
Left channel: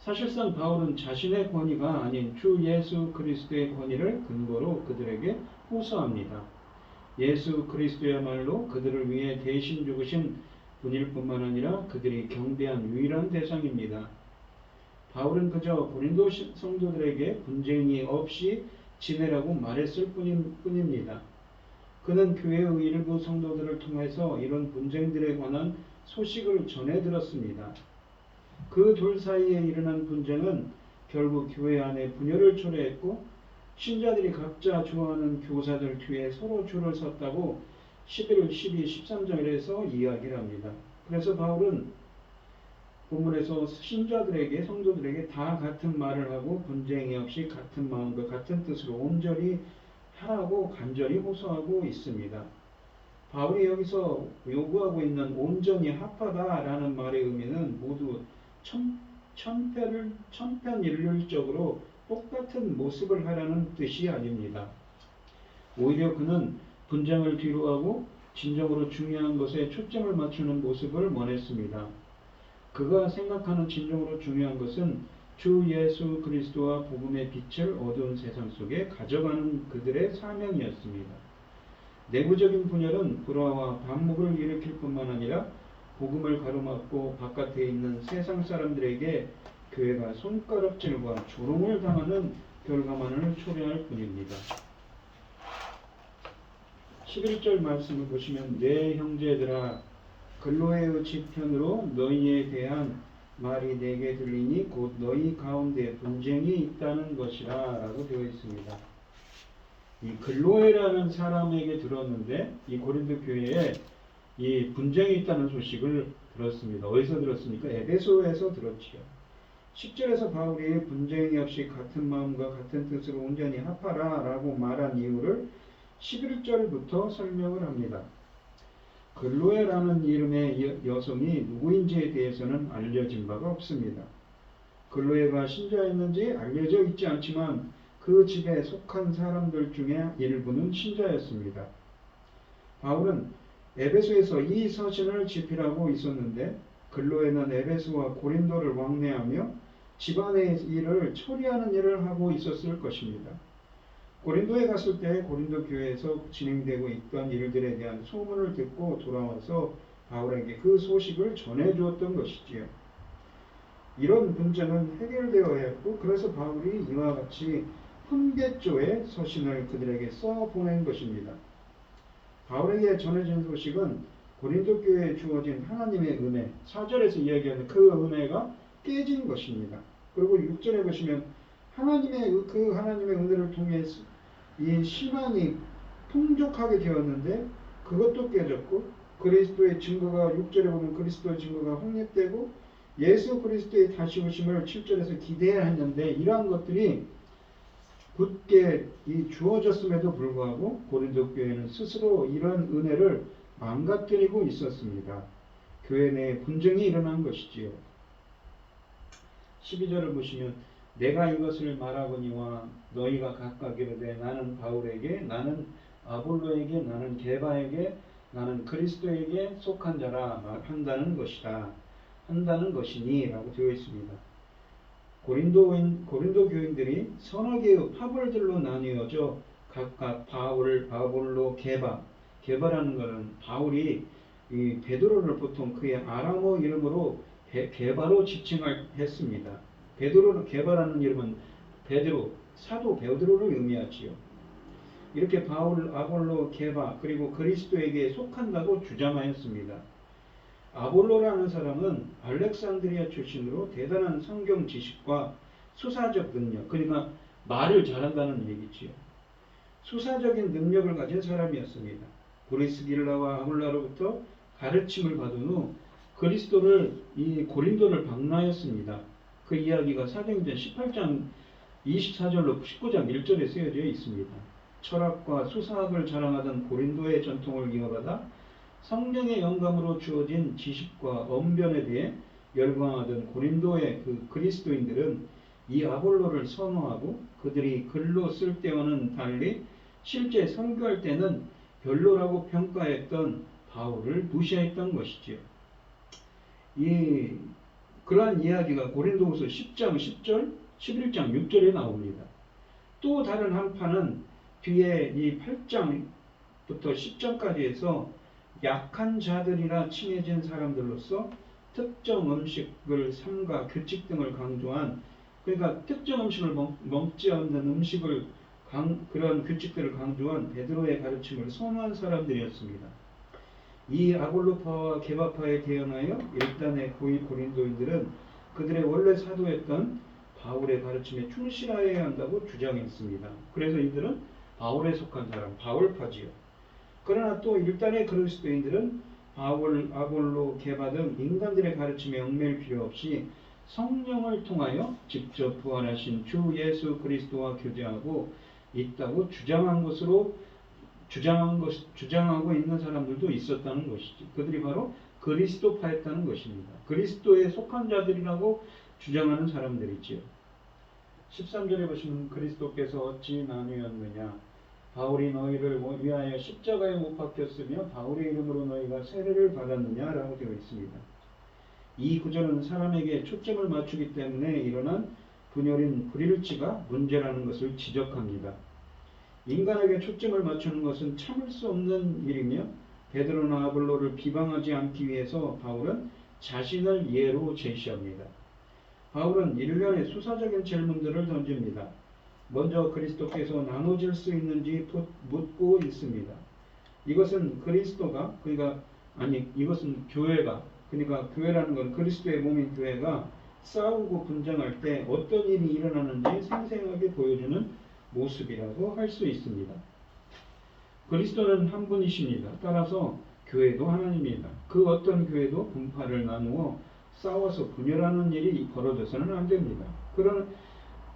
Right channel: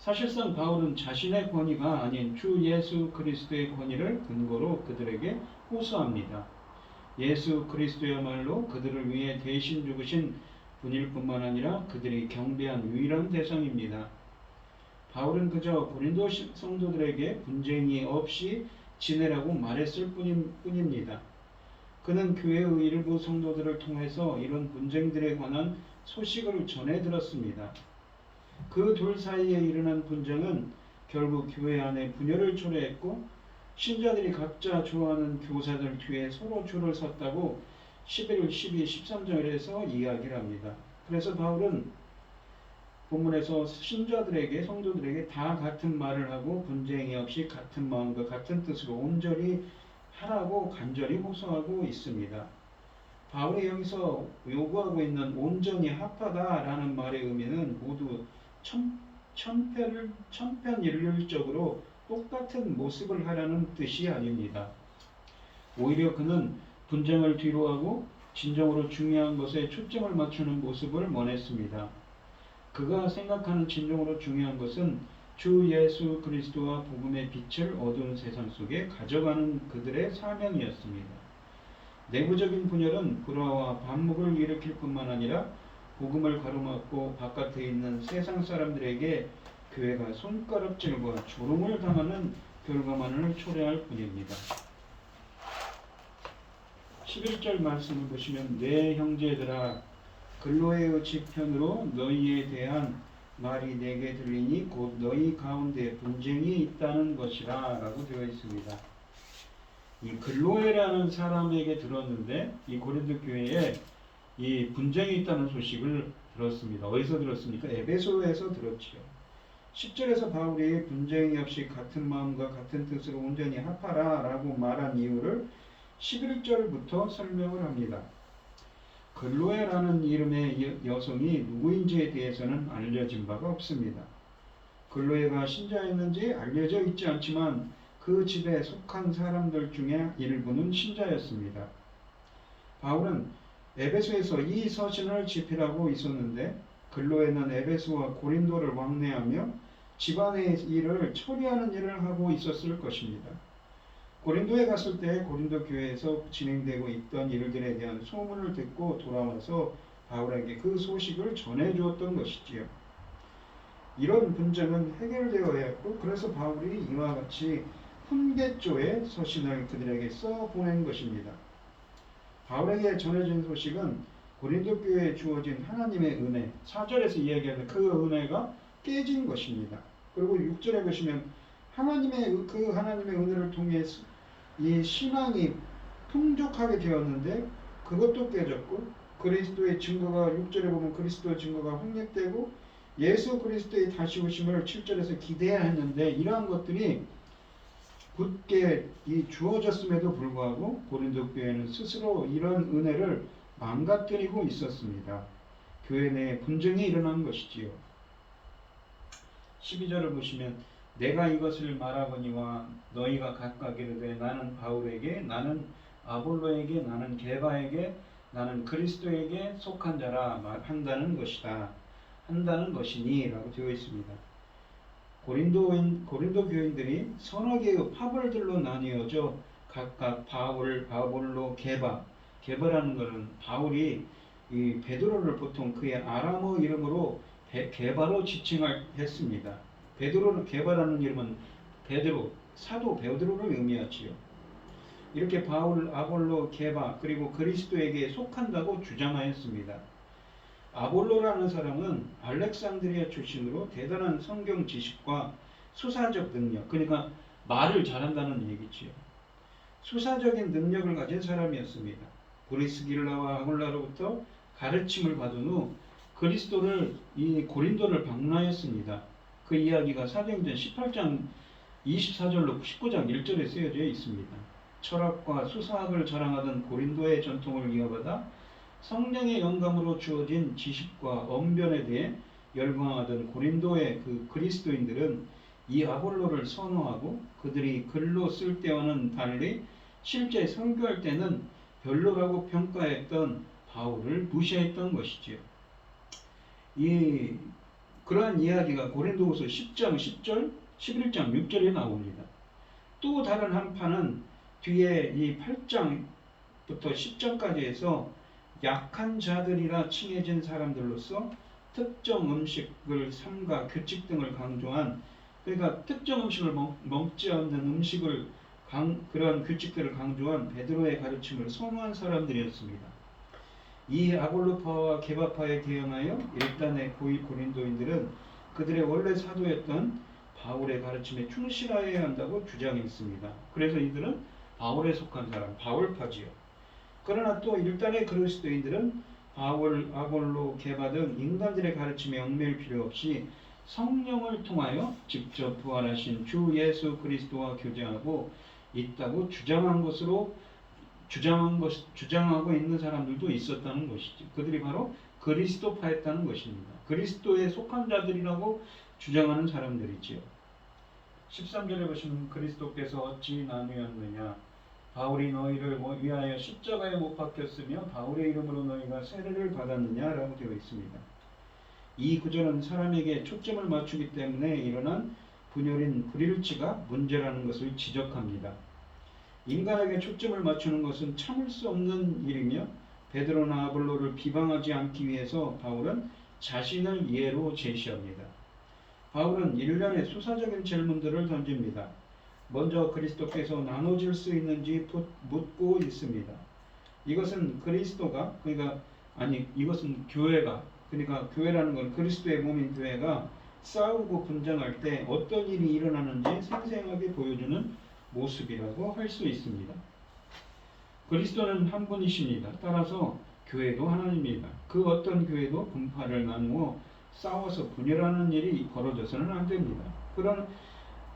사실상 바울은 자신의 권위가 아닌 주 예수 그리스도의 권위를 근거로 그들에게 호소합니다. 예수 그리스도야말로 그들을 위해 대신 죽으신 분일 뿐만 아니라 그들이 경배한 유일한 대상입니다. 바울은 그저 고린도 성도들에게 분쟁이 없이 지내라고 말했을 뿐입니다. 그는 교회의 일부 성도들을 통해서 이런 분쟁들에 관한 소식을 전해 들었습니다. 그 둘 사이에 일어난 분쟁은 결국 교회 안에 분열을 초래했고 신자들이 각자 좋아하는 교사들 뒤에 서로 줄을 섰다고 11, 12, 13절에서 이야기를 합니다. 그래서 바울은 본문에서 신자들에게 성도들에게 다 같은 말을 하고 분쟁이 없이 같은 마음과 같은 뜻으로 온전히 하라고 간절히 호소하고 있습니다. 바울이 여기서 요구하고 있는 온전히 합하다라는 말의 의미는 모두 천편일률적으로 똑같은 모습을 하라는 뜻이 아닙니다. 오히려 그는 분쟁을 뒤로하고 진정으로 중요한 것에 초점을 맞추는 모습을 원했습니다. 그가 생각하는 진정으로 중요한 것은 주 예수 그리스도와 복음의 빛을 어두운 세상 속에 가져가는 그들의 사명이었습니다. 내부적인 분열은 불화와 반목을 일으킬 뿐만 아니라 복음을 가로막고 바깥에 있는 세상 사람들에게 교회가 손가락질과 조롱을 당하는 결과만을 초래할 뿐입니다. 11절 말씀을 보시면 내 형제들아 글로에의 지편으로 너희에 대한 말이 내게 들리니 곧 너희 가운데 분쟁이 있다는 것이라 라고 되어 있습니다. 이 글로에라는 사람에게 들었는데 이 고린도 교회에 이 분쟁이 있다는 소식을 들었습니다. 어디서 들었습니까? 에베소에서 들었지요. 10절에서 바울이 분쟁이 없이 같은 마음과 같은 뜻으로 온전히 합하라 라고 말한 이유를 11절부터 설명을 합니다. 글로에라는 이름의 여성이 누구인지에 대해서는 알려진 바가 없습니다. 글로에가 신자였는지 알려져 있지 않지만 그 집에 속한 사람들 중에 일부는 신자였습니다. 바울은 에베소에서 이 서신을 집필하고 있었는데 글로에는 에베소와 고린도를 왕래하며 집안의 일을 처리하는 일을 하고 있었을 것입니다. 고린도에 갔을 때 고린도 교회에서 진행되고 있던 일들에 대한 소문을 듣고 돌아와서 바울에게 그 소식을 전해주었던 것이지요. 이런 문제는 해결되어야 했고 그래서 바울이 이와 같이 훈계조의 서신을 그들에게 써 보낸 것입니다. 바울에게 전해진 소식은 고린도 교회에 주어진 하나님의 은혜, 4절에서 이야기하는 그 은혜가 깨진 것입니다. 그리고 6절에 보시면 하나님의 은혜를 통해 이 신앙이 풍족하게 되었는데 그것도 깨졌고 그리스도의 증거가 6절에 보면 그리스도의 증거가 확립되고 예수 그리스도의 다시 오심을 7절에서 기대해야 했는데 이러한 것들이 굳게 주어졌음에도 불구하고 고린도 교회는 스스로 이러한 은혜를 망가뜨리고 있었습니다. 교회 내에 분쟁이 일어난 것이지요. 12절을 보시면 내가 이것을 말하거니와 너희가 각각 이르되 나는 바울에게, 나는 아볼로에게, 나는 게바에게, 나는 그리스도에게 속한 자라 한다는 것이다. 한다는 것이니 라고 되어 있습니다. 고린도 교인들이 서너 개의 파벌들로 나뉘어져 각각 바울, 아볼로, 게바라는 것은 바울이 이 베드로를 보통 그의 아람어 이름으로 게바로 지칭했습니다. 게바라는 이름은 베드로, 사도 베드로를 의미하지요. 이렇게 바울, 아볼로, 게바 그리고 그리스도에게 속한다고 주장하였습니다. 아볼로라는 사람은 알렉산드리아 출신으로 대단한 성경 지식과 수사적 능력, 그러니까 말을 잘한다는 얘기지요. 수사적인 능력을 가진 사람이었습니다. 브리스길라와 아굴라로부터 가르침을 받은 후 그리스도를 이 고린도를 방문하였습니다. 그 이야기가 사도행전 18장 24절로 19장 1절에 쓰여져 있습니다. 철학과 수사학을 자랑하던 고린도의 전통을 이어받아 성령의 영감으로 주어진 지식과 언변에 대해 열광하던 고린도의 그 그리스도인들은 이 아볼로를 선호하고 그들이 글로 쓸 때와는 달리 실제 선교할 때는 별로라고 평가했던 바울을 무시했던 것이지요. 그러한 이야기가 고린도후서 10장 10절, 11장 6절에 나옵니다. 또 다른 한편은 뒤에 이 8장부터 10장까지 해서 약한 자들이라 칭해진 사람들로서 특정 음식을 삼가 규칙 등을 강조한, 그러니까 특정 음식을 먹지 않는 음식을 그러한 규칙들을 강조한 베드로의 가르침을 선호한 사람들이었습니다. 이 아볼로파와 게바파에 대응하여 일단의 고위 고린도인들은 그들의 원래 사도였던 바울의 가르침에 충실하여야 한다고 주장했습니다. 그래서 이들은 바울에 속한 사람, 바울파지요. 그러나 또 일단의 그리스도인들은 바울, 아볼로, 게바 등 인간들의 가르침에 얽매일 필요 없이 성령을 통하여 직접 부활하신 주 예수 그리스도와 교제하고 있다고 주장하고 있는 사람들도 있었다는 것이죠. 그들이 바로 그리스도파였다는 것입니다. 그리스도에 속한 자들이라고 주장하는 사람들이지요. 13절에 보시면 그리스도께서 어찌 나뉘었느냐, 바울이 너희를 위하여 십자가에 못 박혔으며 바울의 이름으로 너희가 세례를 받았느냐라고 되어 있습니다. 이 구절은 사람에게 초점을 맞추기 때문에 일어난 분열인 불일치가 문제라는 것을 지적합니다. 인간에게 초점을 맞추는 것은 참을 수 없는 일이며 베드로나 아볼로를 비방하지 않기 위해서 바울은 자신을 예로 제시합니다. 바울은 일련의 수사적인 질문들을 던집니다. 먼저 그리스도께서 나눠질 수 있는지 묻고 있습니다. 이것은 이것은 교회가, 그러니까 교회라는 건 그리스도의 몸인 교회가 싸우고 분쟁할 때 어떤 일이 일어나는지 생생하게 보여주는 모습이라고 할 수 있습니다. 그리스도는 한 분이십니다. 따라서 교회도 하나님입니다. 그 어떤 교회도 분파를 나누어 싸워서 분열하는 일이 벌어져서는 안 됩니다.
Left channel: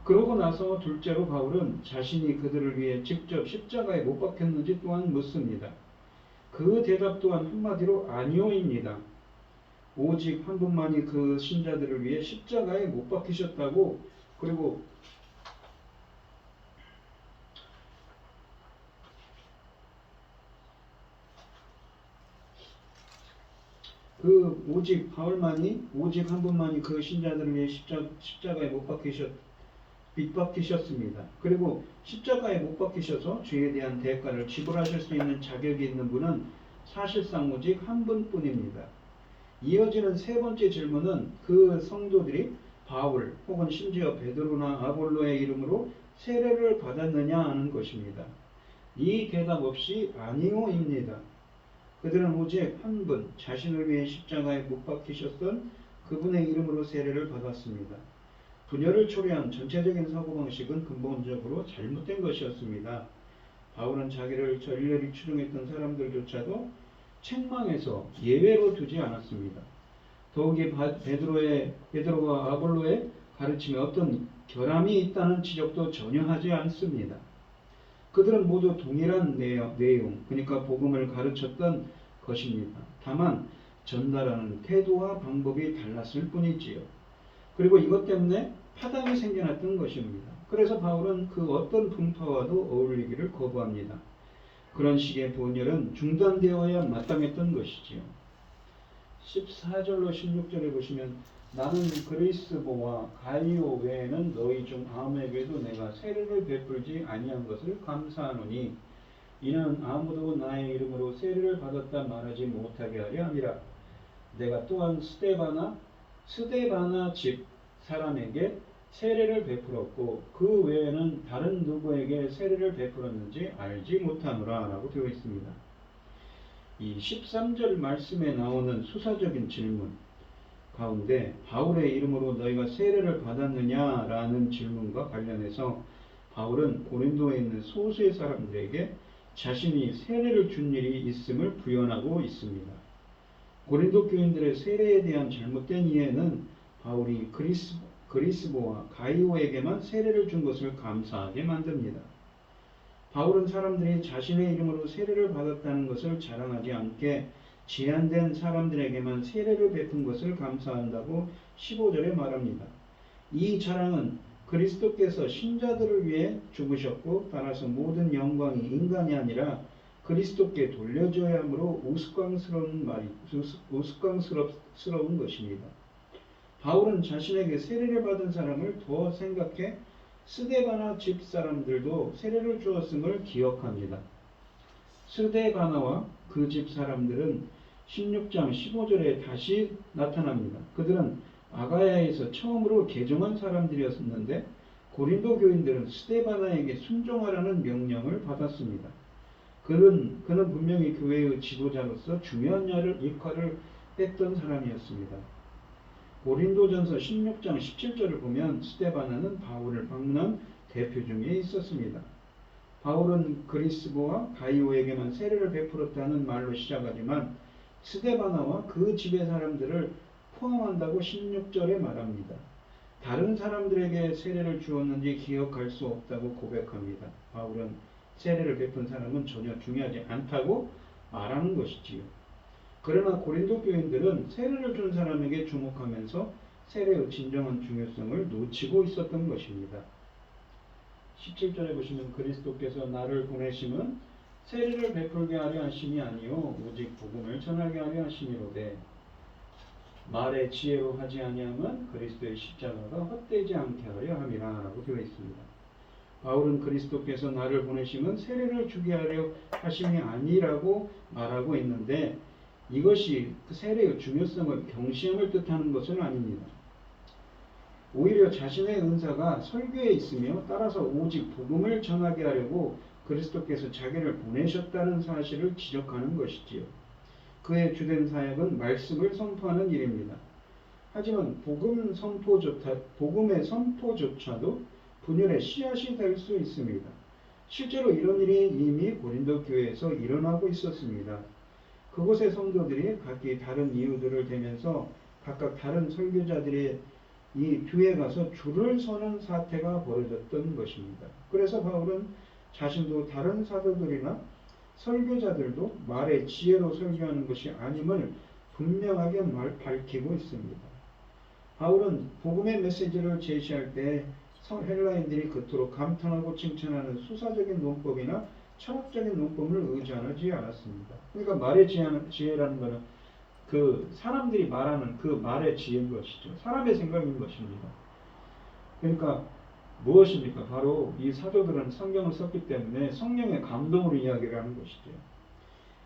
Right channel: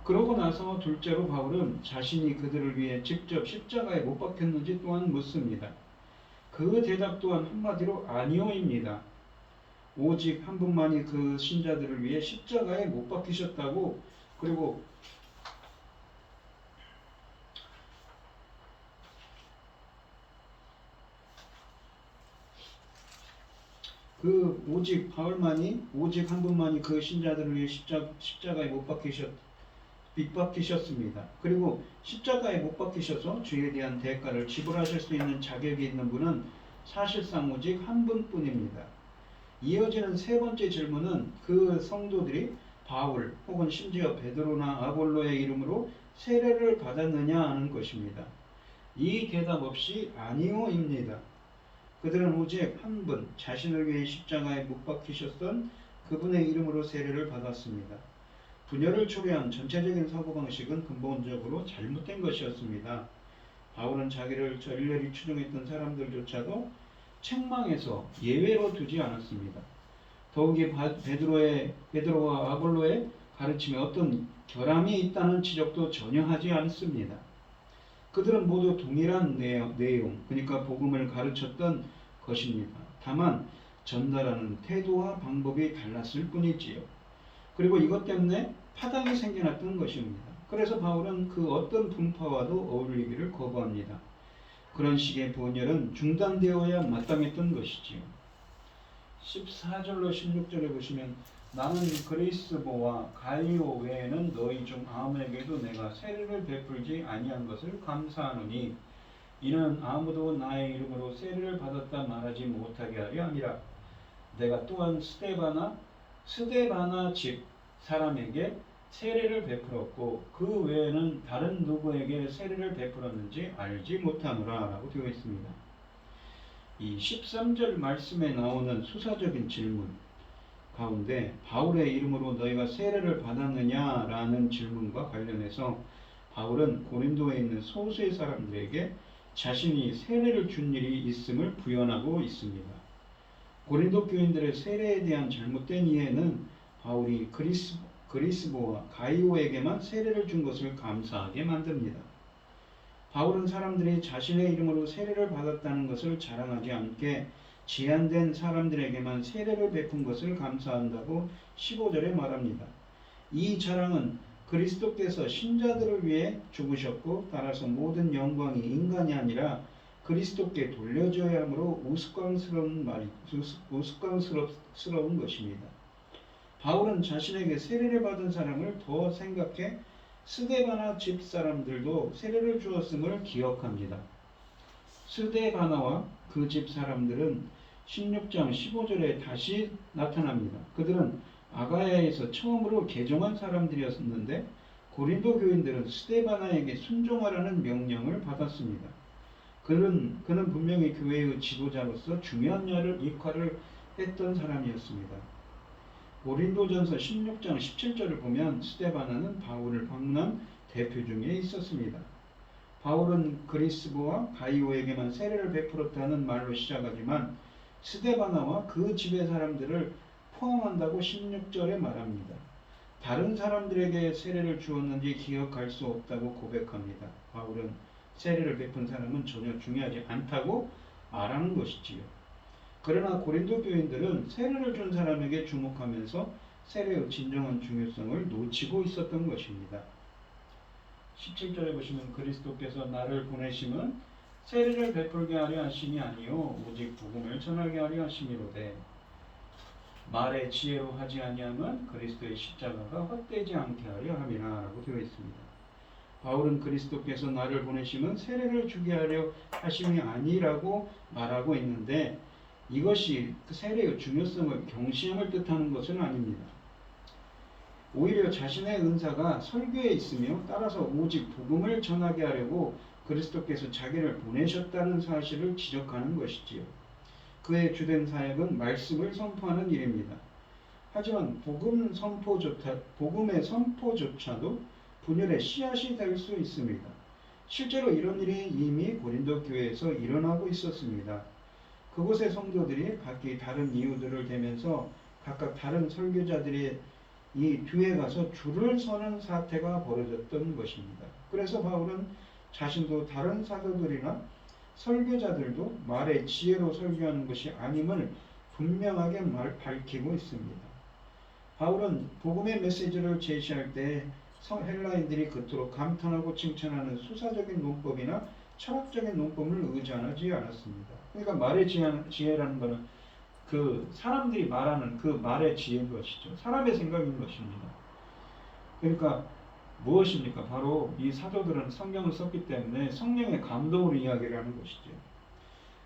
그러고 나서 둘째로 바울은 자신이 그들을 위해 직접 십자가에 못 박혔는지 또한 묻습니다. 그 대답 또한 한마디로 아니오입니다. 오직 한 분만이 그 신자들을 위해 십자가에 못 박히셨다고, 그리고 오직 한 분만이 그 신자들을 위해 십자가에 못 박히셨습니다. 그리고 십자가에 못 박히셔서 죄에 대한 대가를 지불하실 수 있는 자격이 있는 분은 사실상 오직 한 분뿐입니다. 이어지는 세 번째 질문은 그 성도들이 바울 혹은 심지어 베드로나 아볼로의 이름으로 세례를 받았느냐 하는 것입니다. 이 대답 없이 아니오입니다. 그들은 오직 한 분, 자신을 위해 십자가에 못 박히셨던 그분의 이름으로 세례를 받았습니다. 분열을 초래한 전체적인 사고방식은 근본적으로 잘못된 것이었습니다. 바울은 자기를 일렬히 추종했던 사람들조차도 책망해서 예외로 두지 않았습니다. 더욱이 베드로와 아볼로의 가르침에 어떤 결함이 있다는 지적도 전혀 하지 않습니다. 그들은 모두 동일한 내용, 그러니까 복음을 가르쳤던 것입니다. 다만 전달하는 태도와 방법이 달랐을 뿐이지요. 그리고 이것 때문에 파당이 생겨났던 것입니다. 그래서 바울은 그 어떤 분파와도 어울리기를 거부합니다. 그런 식의 번열은 중단되어야 마땅했던 것이지요. 14절로 16절에 보시면 나는 그리스보와 가이오 외에는 너희 중 아무에게도 내가 세례를 베풀지 아니한 것을 감사하노니 이는 아무도 나의 이름으로 세례를 받았다 말하지 못하게 하려 함이라. 내가 또한 스데바나 집 사람에게 세례를 베풀었고 그 외에는 다른 누구에게 세례를 베풀었는지 알지 못하노라 라고 되어 있습니다. 이 13절 말씀에 나오는 수사적인 질문 가운데 바울의 이름으로 너희가 세례를 받았느냐라는 질문과 관련해서 바울은 고린도에 있는 소수의 사람들에게 자신이 세례를 준 일이 있음을 부연하고 있습니다. 고린도 교인들의 세례에 대한 잘못된 이해는 바울이 그리스보와 가이오에게만 세례를 준 것을 감사하게 만듭니다. 바울은 사람들이 자신의 이름으로 세례를 받았다는 것을 자랑하지 않게 제한된 사람들에게만 세례를 베푼 것을 감사한다고 15절에 말합니다. 이 자랑은 그리스도께서 신자들을 위해 죽으셨고 따라서 모든 영광이 인간이 아니라 그리스도께 돌려져야 하므로 우스꽝스러운 것입니다. 바울은 자신에게 세례를 받은 사람을 더 생각해 스데바나 집 사람들도 세례를 주었음을 기억합니다. 스데바나와 그 집 사람들은 16장 15절에 다시 나타납니다. 그들은 아가야에서 처음으로 개종한 사람들이었는데 고린도 교인들은 스데바나에게 순종하라는 명령을 받았습니다. 그는 분명히 교회의 지도자로서 중요한 역할을 했던 사람이었습니다. 고린도전서 16장 17절을 보면 스데바나는 바울을 방문한 대표 중에 있었습니다. 바울은 그리스보와 가이오에게만 세례를 베풀었다는 말로 시작하지만 스데바나와 그 집의 사람들을 포함한다고 16절에 말합니다. 다른 사람들에게 세례를 주었는지 기억할 수 없다고 고백합니다. 바울은 세례를 베푼 사람은 전혀 중요하지 않다고 말하는 것이지요. 그러나 고린도 교인들은 세례를 준 사람에게 주목하면서 세례의 진정한 중요성을 놓치고 있었던 것입니다. 17절에 보시면 그리스도께서 나를 보내심은 세례를 베풀게 하려 하심이 아니요 오직 복음을 전하게 하려 하심이로되 말의 지혜로 하지 아니함은 그리스도의 십자가가 헛되지 않게 하려 함이라 라고 되어 있습니다. 바울은 그리스도께서 나를 보내심은 세례를 주게 하려 하심이 아니라고 말하고 있는데 이것이 그 세례의 중요성을 경시함을 뜻하는 것은 아닙니다. 오히려 자신의 은사가 설교에 있으며 따라서 오직 복음을 전하게 하려고 그리스도께서 자기를 보내셨다는 사실을 지적하는 것이지요. 그의 주된 사역은 말씀을 선포하는 일입니다. 하지만 복음의 선포조차도 분열의 씨앗이 될 수 있습니다. 실제로 이런 일이 이미 고린도 교회에서 일어나고 있었습니다. 그곳의 성도들이 각기 다른 이유들을 대면서 각각 다른 설교자들의 이 뒤에 가서 줄을 서는 사태가 벌어졌던 것입니다. 그래서 바울은 자신도 다른 사도들이나 설교자들도 말의 지혜로 설교하는 것이 아님을 분명하게 밝히고 있습니다. 바울은 복음의 메시지를 제시할 때 헬라인들이 그토록 감탄하고 칭찬하는 수사적인 논법이나 철학적인 논법을 의존하지 않았습니다. 그러니까 말의 지혜라는 것은 그 사람들이 말하는 그 말의 지혜인 것이죠. 사람의 생각인 것입니다. 그러니까 무엇입니까? 바로 이 사도들은 성경을 썼기 때문에 성령의 감동으로 이야기를 하는 것이죠.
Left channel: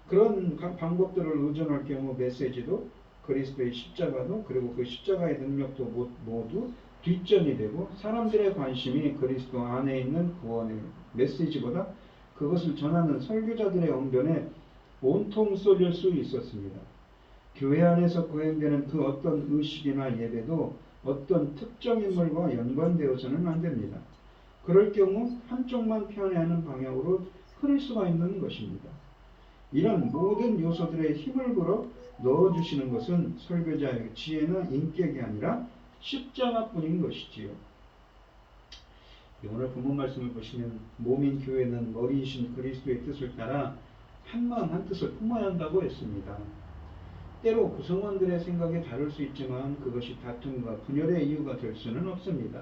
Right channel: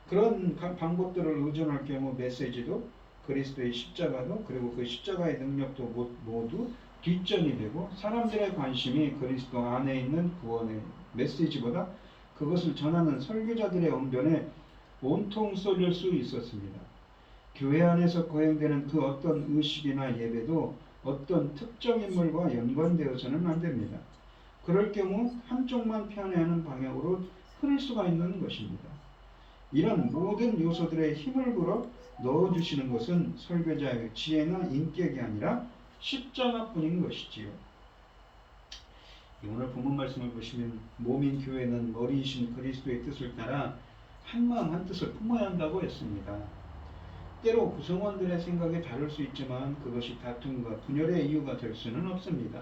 그런 방법들을 의존할 경우 메시지도 그리스도의 십자가도 그리고 그 십자가의 능력도 모두 뒷전이 되고 사람들의 관심이 그리스도 안에 있는 구원의 메시지보다 그것을 전하는 설교자들의 언변에 온통 쏠릴 수 있었습니다. 교회 안에서 거행되는 그 어떤 의식이나 예배도 어떤 특정 인물과 연관되어서는 안 됩니다. 그럴 경우 한쪽만 편애하는 방향으로 흐를 수가 있는 것입니다. 이런 모든 요소들의 힘을 불어 넣어주시는 것은 설교자의 지혜나 인격이 아니라 십자가뿐인 것이지요. 오늘 본문 말씀을 보시면 몸인 교회는 머리이신 그리스도의 뜻을 따라 한마음 한뜻을 품어야 한다고 했습니다. 때로 구성원들의 생각이 다를 수 있지만 그것이 다툼과 분열의 이유가 될 수는 없습니다.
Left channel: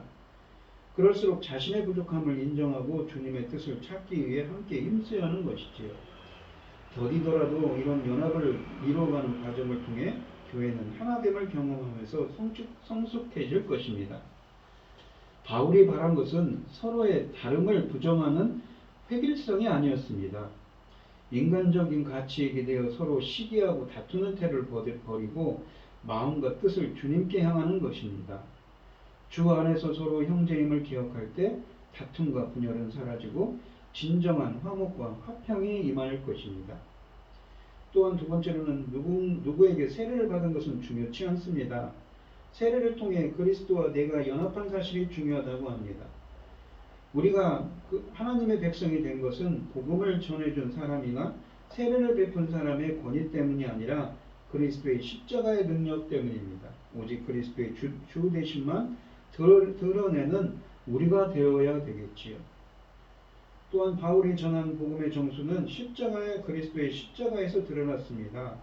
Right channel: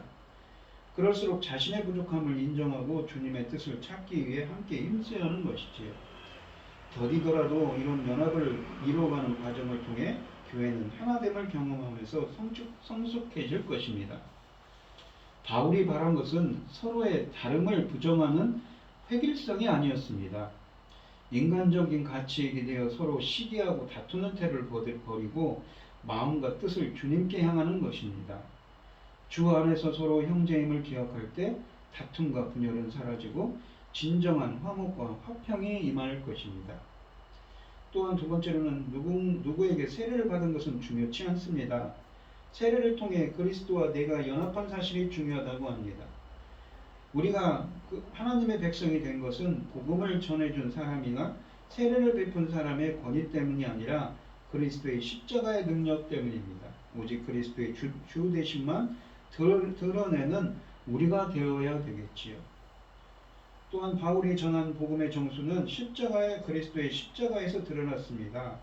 그럴수록 자신의 부족함을 인정하고 주님의 뜻을 찾기 위해 함께 힘써야 하는 것이지요. 더디더라도 이런 연합을 이루어가는 과정을 통해 교회는 하나됨을 경험하면서 성숙해질 것입니다. 바울이 바란 것은 서로의 다름을 부정하는 획일성이 아니었습니다. 인간적인 가치에 기대어 서로 시기하고 다투는 태를 버리고 마음과 뜻을 주님께 향하는 것입니다. 주 안에서 서로 형제임을 기억할 때 다툼과 분열은 사라지고 진정한 화목과 화평이 임할 것입니다. 또한 두 번째로는 누구에게 세례를 받은 것은 중요치 않습니다. 세례를 통해 그리스도와 내가 연합한 사실이 중요하다고 합니다. 우리가 하나님의 백성이 된 것은 복음을 전해준 사람이나 세례를 베푼 사람의 권위 때문이 아니라 그리스도의 십자가의 능력 때문입니다. 오직 그리스도의 주 되심만 드러내는 우리가 되어야 되겠지요. 또한 바울이 전한 복음의 정수는 그리스도의 십자가에서 드러났습니다.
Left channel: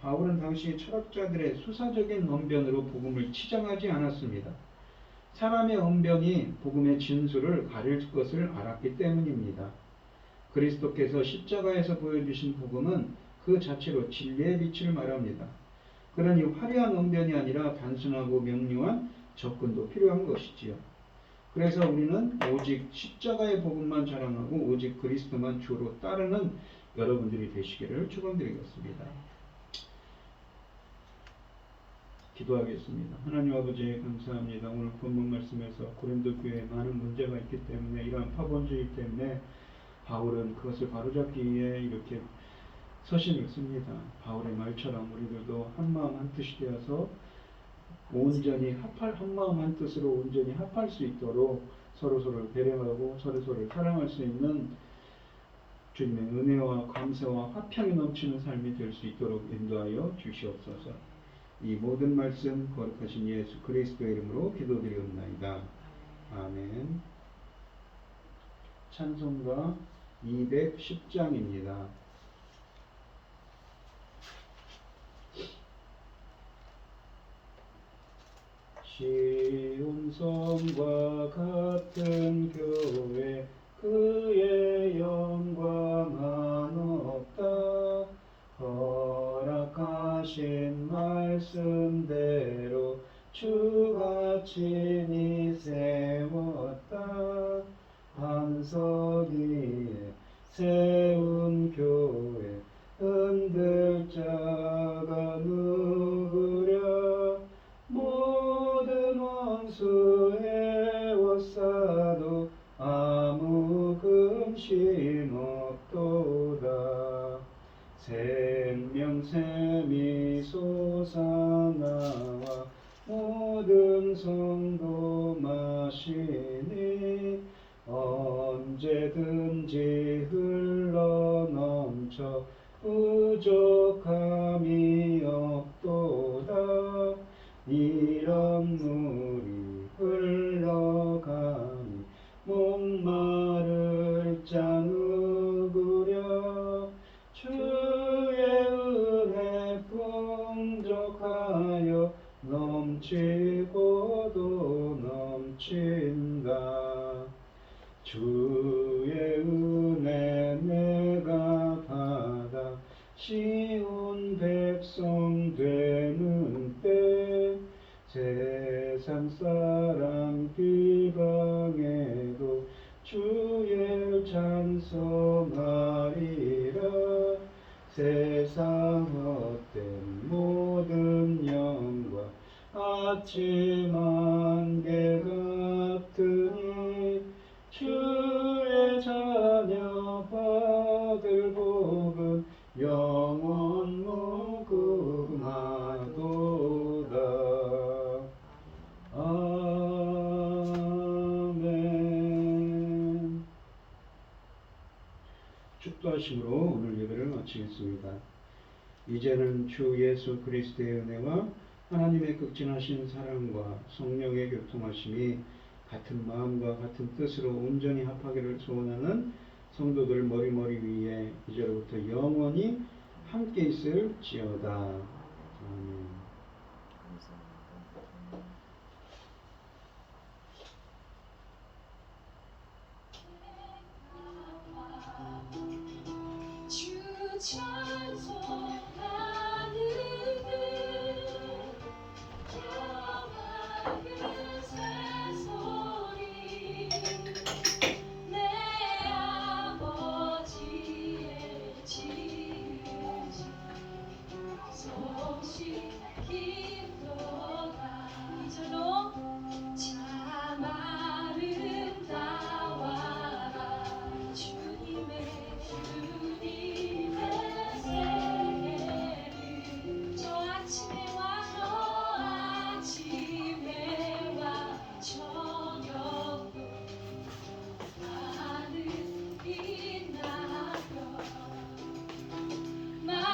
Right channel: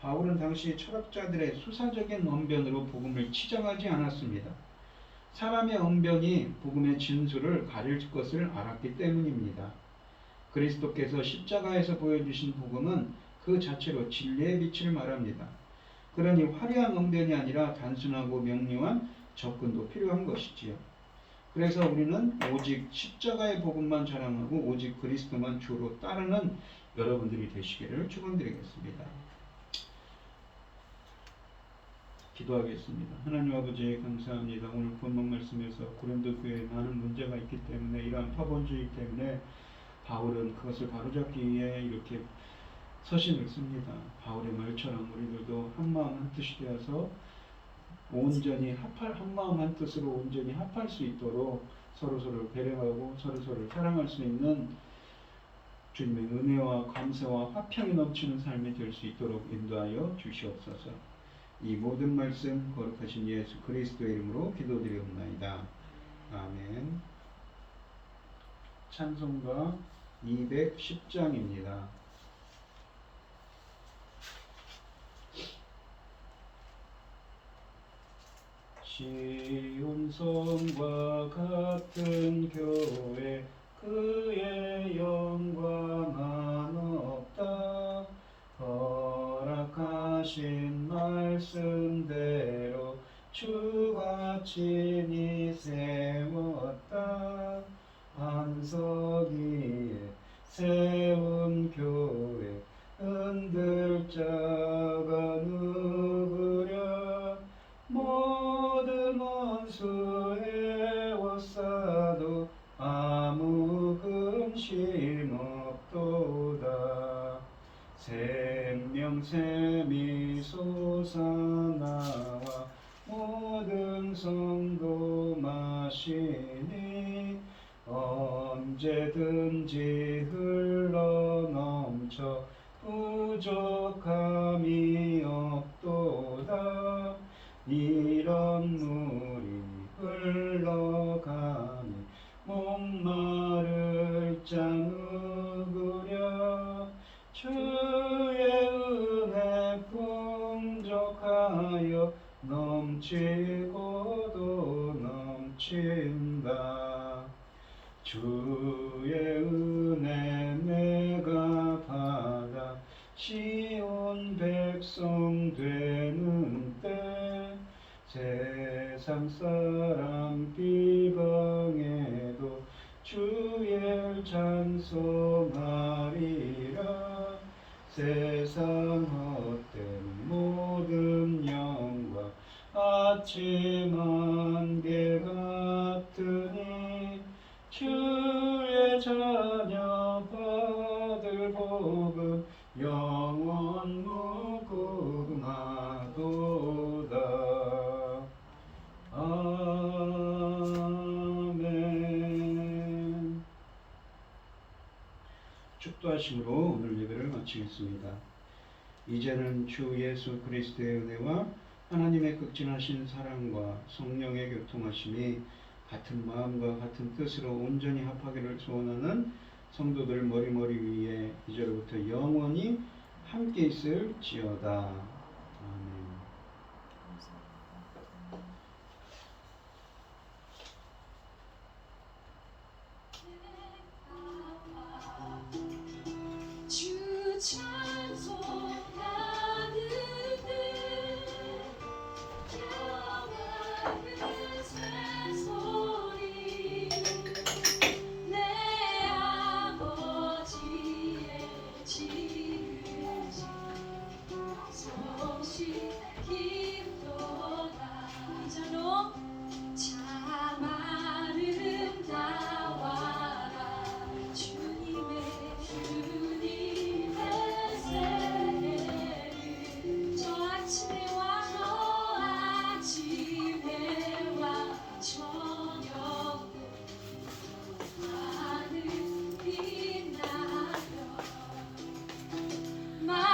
바울은 당시 철학자들의 수사적인 언변으로 복음을 치장하지 않았습니다. 사람의 언변이 복음의 진수를 가릴 것을 알았기 때문입니다. 그리스도께서 십자가에서 보여주신 복음은 그 자체로 진리의 빛을 말합니다. 그러니 화려한 언변이 아니라 단순하고 명료한 접근도 필요한 것이지요. 그래서 우리는 오직 십자가의 복음만 자랑하고 오직 그리스도만 주로 따르는 여러분들이 되시기를 축원드리겠습니다. 기도하겠습니다. 하나님 아버지 감사합니다. 오늘 본문 말씀에서 고린도 교회에 많은 문제가 있기 때문에 이러한 파본주의 때문에 바울은 그것을 바로잡기 위해 이렇게 서신을 씁니다. 바울의 말처럼 우리들도 한마음 한뜻이 되어서 온전히 한마음 한뜻으로 온전히 합할 수 있도록 서로서로 배려하고 서로서로 사랑할 수 있는 주님의 은혜와 감사와 화평이 넘치는 삶이 될 수 있도록 인도하여 주시옵소서. 이 모든 말씀 거룩하신 예수 그리스도의 이름으로 기도드리옵나이다. 아멘. 찬송가 210장입니다. 시온성과 같은 교회 그의 영광은 없다. 허락하신 말씀대로 주가 친히 세웠다. 반석 위에 세운 교회 흔들 자가 누구랴. 모든 원수 에워싸도 아무 근심 없도다. 생명샘이 솟아나와 모든 성도 마시니 언제든지 흘러넘쳐 부족함이 없도다. 이런 물이 흘러가니 목마를 자 누구랴. 주의 은혜 풍족하여 넘치고도 넘친다. 주의 은혜 내가 받아 시온 백성 되는 때 세상 사람 비방해도 주의 찬송하리라. 세상 헛된 모든 영광 아침 안개 같으니 주의 자녀 받을 복은 영원 무궁하도다. 아멘. 축도하심으로 오늘 예배를 마치겠습니다. 이제는 주 예수 그리스도의 은혜와 하나님의 극진하신 사랑과 성령의 교통하심이 같은 마음과 같은 뜻으로 온전히 합하기를 소원하는 성도들 머리머리 위에 이제로부터 영원히 함께 있을지어다. 아멘. 주